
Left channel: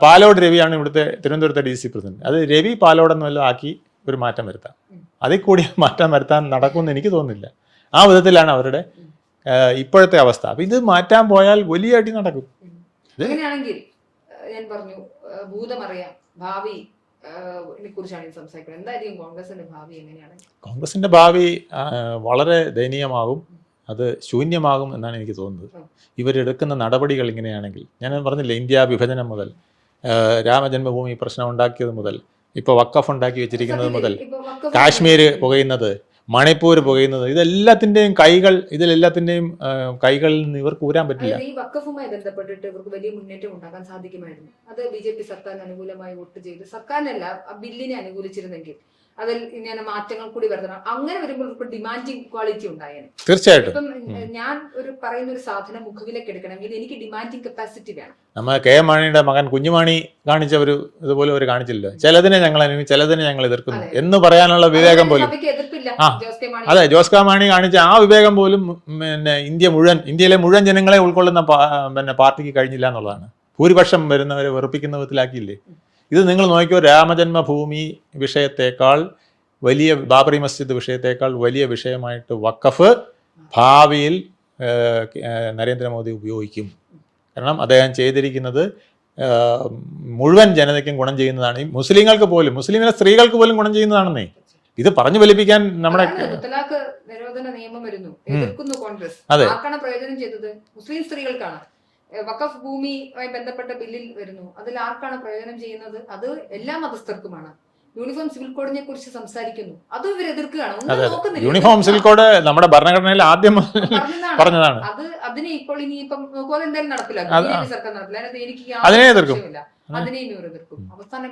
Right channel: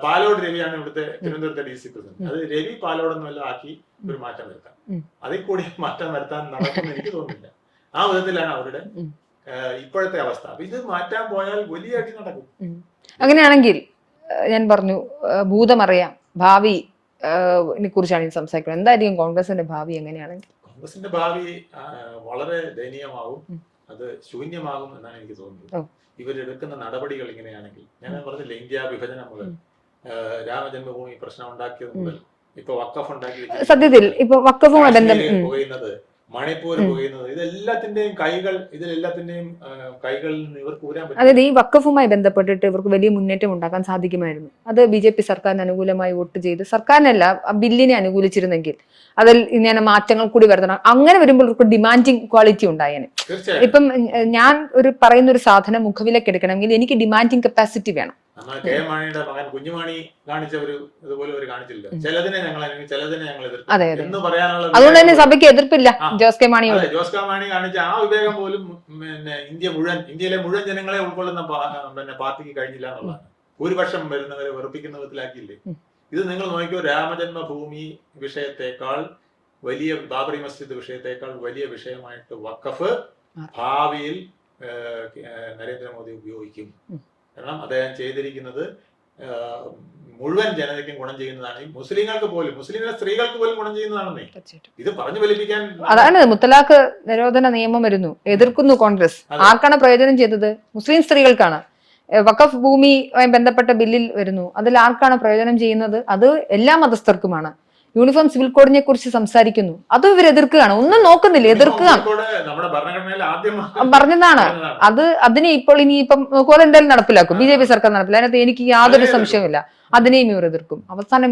പാലോട് രവിയാണ് ഇവിടുത്തെ തിരുവനന്തപുരത്തെ DCC പ്രസിഡന്റ്. അത് രവി പാലോടെന്ന് വല്ലതും ആക്കി ഒരു മാറ്റം വരുത്താം. അതിൽ കൂടി മാറ്റം വരുത്താൻ നടക്കുമെന്ന് എനിക്ക് തോന്നുന്നില്ല. ആ വിധത്തിലാണ് അവരുടെ ഇപ്പോഴത്തെ അവസ്ഥ. അപ്പൊ ഇത് മാറ്റാൻ പോയാൽ വലിയ അടി നടക്കും. അങ്ങനെയാണെങ്കിൽ ഞാൻ പറഞ്ഞു ഭൂതമറിയാം, ഭാവി കുറിച്ചാണ് ഞാൻ സംസാരിക്കുന്നത്. എന്തായിരിക്കും കോൺഗ്രസിന്റെ ഭാവി? എങ്ങനെയാണ് കോൺഗ്രസിന്റെ ഭാവി? വളരെ ദയനീയമാകും, അത് ശൂന്യമാകും എന്നാണ് എനിക്ക് തോന്നുന്നത്. ഇവരെടുക്കുന്ന നടപടികൾ ഇങ്ങനെയാണെങ്കിൽ. ഞാൻ പറഞ്ഞില്ലേ, ഇന്ത്യ വിഭജനം മുതൽ രാമജന്മഭൂമി പ്രശ്നം ഉണ്ടാക്കിയത് മുതൽ ഇപ്പൊ വഖഫ് ഉണ്ടാക്കി വെച്ചിരിക്കുന്നത്, കാശ്മീര് പുകയുന്നത്, മണിപ്പൂർ പുകയുന്നത്, ഇതിലെല്ലാത്തിന്റെയും കൈകളിൽ നിന്ന് ഇവർക്ക് ഊരാൻ പറ്റും. അതായത് ഈ വഖഫുമായി ബന്ധപ്പെട്ടിട്ട് ഇവർക്ക് വലിയ മുന്നേറ്റം ഉണ്ടാക്കാൻ സാധിക്കുമായിരുന്നു. അത് BJP സർക്കാരിന് അനുകൂലമായി വോട്ട് ചെയ്ത്, സർക്കാരിനല്ല ബില്ലിനെ അനുകൂലിച്ചിരുന്നെങ്കിൽ അതിൽ ഇങ്ങനെ മാറ്റങ്ങൾ കൂടി വരുത്തണം. അങ്ങനെ വരുമ്പോൾ ഒരു ഡിമാൻഡിങ് ക്വാളിറ്റി ഉണ്ടായേനെ. തീർച്ചയായിട്ടും. ഇപ്പം ഞാൻ പറയുന്ന ഒരു സാധനം മുഖവിലേക്ക് എടുക്കണമെങ്കിൽ എനിക്ക് ഡിമാൻഡിങ് കപ്പാസിറ്റി വേണം. നമ്മ കെ എം മാണിയുടെ മകൻ കുഞ്ഞുമാണി കാണിച്ച ഒരു ഇതുപോലെ ഒരു കാണിച്ചില്ല, ചിലതിനെ ഞങ്ങൾ ചിലതിനെ ഞങ്ങൾ എതിർക്കും എന്ന് പറയാനുള്ള വിവേകം. സഭയ്ക്ക് എതിർപ്പില്ല ജോസ് കെ മാണി. അതെ, ജോസ് കെ മാണി കാണിച്ച ആ വിവേകം പോലും പിന്നെ ഇന്ത്യയിലെ മുഴുവൻ ജനങ്ങളെ ഉൾക്കൊള്ളുന്ന പിന്നെ പാർട്ടിക്ക് കഴിഞ്ഞില്ല എന്നുള്ളതാണ്. ഭൂരിപക്ഷം വരുന്നവരെ വെറുപ്പിക്കുന്ന വിധത്തിലാക്കിയില്ലേ. ഇത് നിങ്ങൾ നോക്കിയോ, രാമജന്മഭൂമി വിഷയത്തെക്കാൾ വലിയ, ബാബറി മസ്ജിദ് വിഷയത്തെക്കാൾ വലിയ വിഷയമായിട്ട് വഖഫ് ഭാവിയിൽ നരേന്ദ്രമോദി ഉപയോഗിക്കും. കാരണം അദ്ദേഹം ചെയ്തിരിക്കുന്നത് മുഴുവൻ ജനതയ്ക്കും ഗുണം ചെയ്യുന്നതാണ്. ഈ മുസ്ലിങ്ങൾക്ക് പോലും, മുസ്ലിമിലെ സ്ത്രീകൾക്ക് പോലും ഗുണം ചെയ്യുന്നതാണെന്നേ. ഇത് പറഞ്ഞു ഫലിപ്പിക്കാൻ മുത്തലാഖ് നിരോധന നിയമം വരുന്നു, എതിർക്കുന്നു കോൺഗ്രസ്. ആർക്കാണ് പ്രയോജനം ചെയ്തത്? മുസ്ലിം സ്ത്രീകൾക്കാണ്. വഖഫ് ഭൂമിയുമായി ബന്ധപ്പെട്ട ബില്ലിൽ വരുന്നു, അതിൽ ആർക്കാണ് പ്രയോജനം ചെയ്യുന്നത്? അത് എല്ലാ മതസ്ഥർക്കുമാണ്. യൂണിഫോം സിവിൽ കോഡിനെ കുറിച്ച് സംസാരിക്കുന്നു, അത് ഇവർ എതിർക്കുകയാണ്. ഒന്നും നോക്കുന്നില്ല. നമ്മുടെ ഭരണഘടനയിൽ ആദ്യം പറഞ്ഞതാണ് അത്. അതിനെ ഇപ്പോൾ ഇനിയിപ്പം എന്തായാലും നടപ്പിലാക്കും, BJP സർക്കാർ നടപ്പിലാക്കും. അതിനകത്ത് എനിക്ക് യാതൊരു സംശയമില്ല. അതിനെയും ഇവർ എതിർക്കും. അവസാനം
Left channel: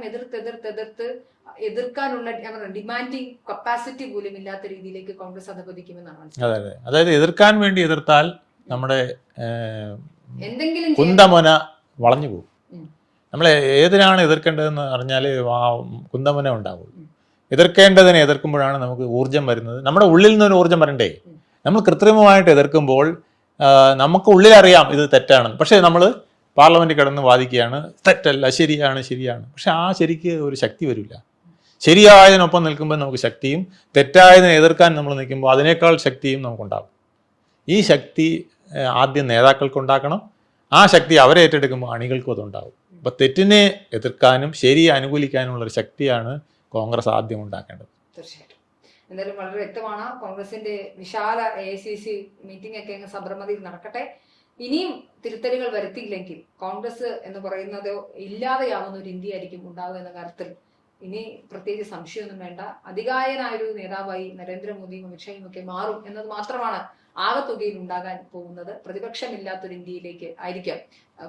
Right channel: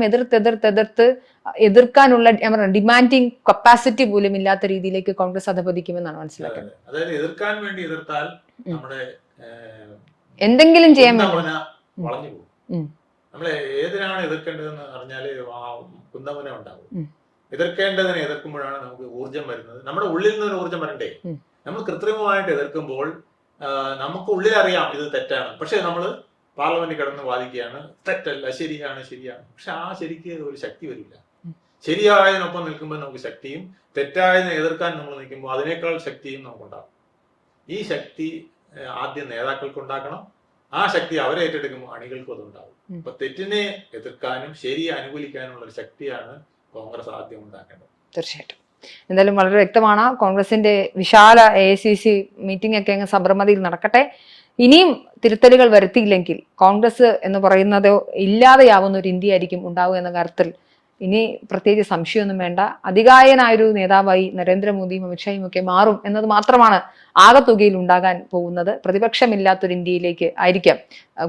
എതിർക്കാനുള്ള ഡിമാൻഡിങ് കപ്പാസിറ്റി പോലും ഇല്ലാത്ത രീതിയിലേക്ക് കോൺഗ്രസ് അധപതിക്കുമെന്നാണ് മനസ്സിലാക്കുന്നത്. അതായത് എതിർക്കാൻ വേണ്ടി എതിർത്താൽ നമ്മുടെ എന്തെങ്കിലും ചെയ്യാൻ വളഞ്ഞു പോകും. നമ്മൾ ഏതിനാണ് എതിർക്കേണ്ടതെന്ന് പറഞ്ഞാൽ കുന്തമുന ഉണ്ടാവും. എതിർക്കേണ്ടതിനെ എതിർക്കുമ്പോഴാണ് നമുക്ക് ഊർജം വരുന്നത്. നമ്മുടെ ഉള്ളിൽ നിന്നൊരു ഊർജം വരണ്ടേ. നമ്മൾ കൃത്രിമമായിട്ട് എതിർക്കുമ്പോൾ നമുക്ക് ഉള്ളിലറിയാം ഇത് തെറ്റാണ്, പക്ഷെ നമ്മൾ പാർലമെന്റിൽ കിടന്ന് വാദിക്കുകയാണ് തെറ്റല്ല, ശരിയാണ്. പക്ഷെ ആ ശരിക്ക് ഒരു ശക്തി വരില്ല. ശരിയായതിനൊപ്പം നിൽക്കുമ്പോൾ നമുക്ക് ശക്തിയും, തെറ്റായതിനെ എതിർക്കാൻ നമ്മൾ നിൽക്കുമ്പോൾ അതിനേക്കാൾ ശക്തിയും നമുക്കുണ്ടാകും. ഈ ശക്തി ആദ്യം നേതാക്കൾക്ക് ഉണ്ടാക്കണം. ആ ശക്തി അവരെ ഏറ്റെടുക്കുമ്പോൾ അണികൾക്കും അതുണ്ടാകും. അപ്പൊ തെറ്റിനെ എതിർക്കാനും ശരിയെ അനുകൂലിക്കാനുള്ള ഒരു ശക്തിയാണ് കോൺഗ്രസ് ആദ്യം ഉണ്ടാക്കേണ്ടത്. തീർച്ചയായിട്ടും. എന്തായാലും വളരെ വ്യക്തമാണ്. കോൺഗ്രസിന്റെ വിശാല AICC മീറ്റിംഗ് ഒക്കെ അങ്ങ് സബർമതിയിൽ നടക്കട്ടെ. ഇനിയും തിരുത്തലുകൾ വരുത്തിയില്ലെങ്കിൽ കോൺഗ്രസ് എന്ന് പറയുന്നത് ഇല്ലാതെയാവുന്ന ഒരു ഇന്ത്യ ആയിരിക്കും ഉണ്ടാവുക എന്ന കാര്യത്തിൽ ഇനി പ്രത്യേകിച്ച് സംശയമൊന്നും വേണ്ട. അധികായനായൊരു നേതാവായി നരേന്ദ്രമോദിയും അമിത്ഷായും ഒക്കെ മാറും എന്നത് മാത്രമാണ് ആകെത്തുകയിൽ ഉണ്ടാകാൻ പോകുന്നത്. പ്രതിപക്ഷമില്ലാത്തൊരു ഇന്ത്യയിലേക്ക് ആയിരിക്കാം.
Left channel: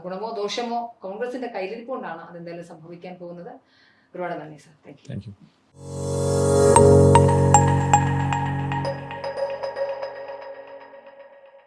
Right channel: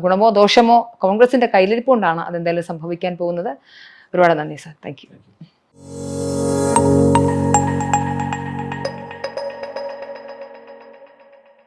ഗുണമോ ദോഷമോ കോൺഗ്രസിന്റെ കയ്യിലിരിപ്പുകൊണ്ടാണ് അതെന്തായാലും സംഭവിക്കാൻ പോകുന്നത്. ഒരുപാട് നന്ദി സർ. Thank you.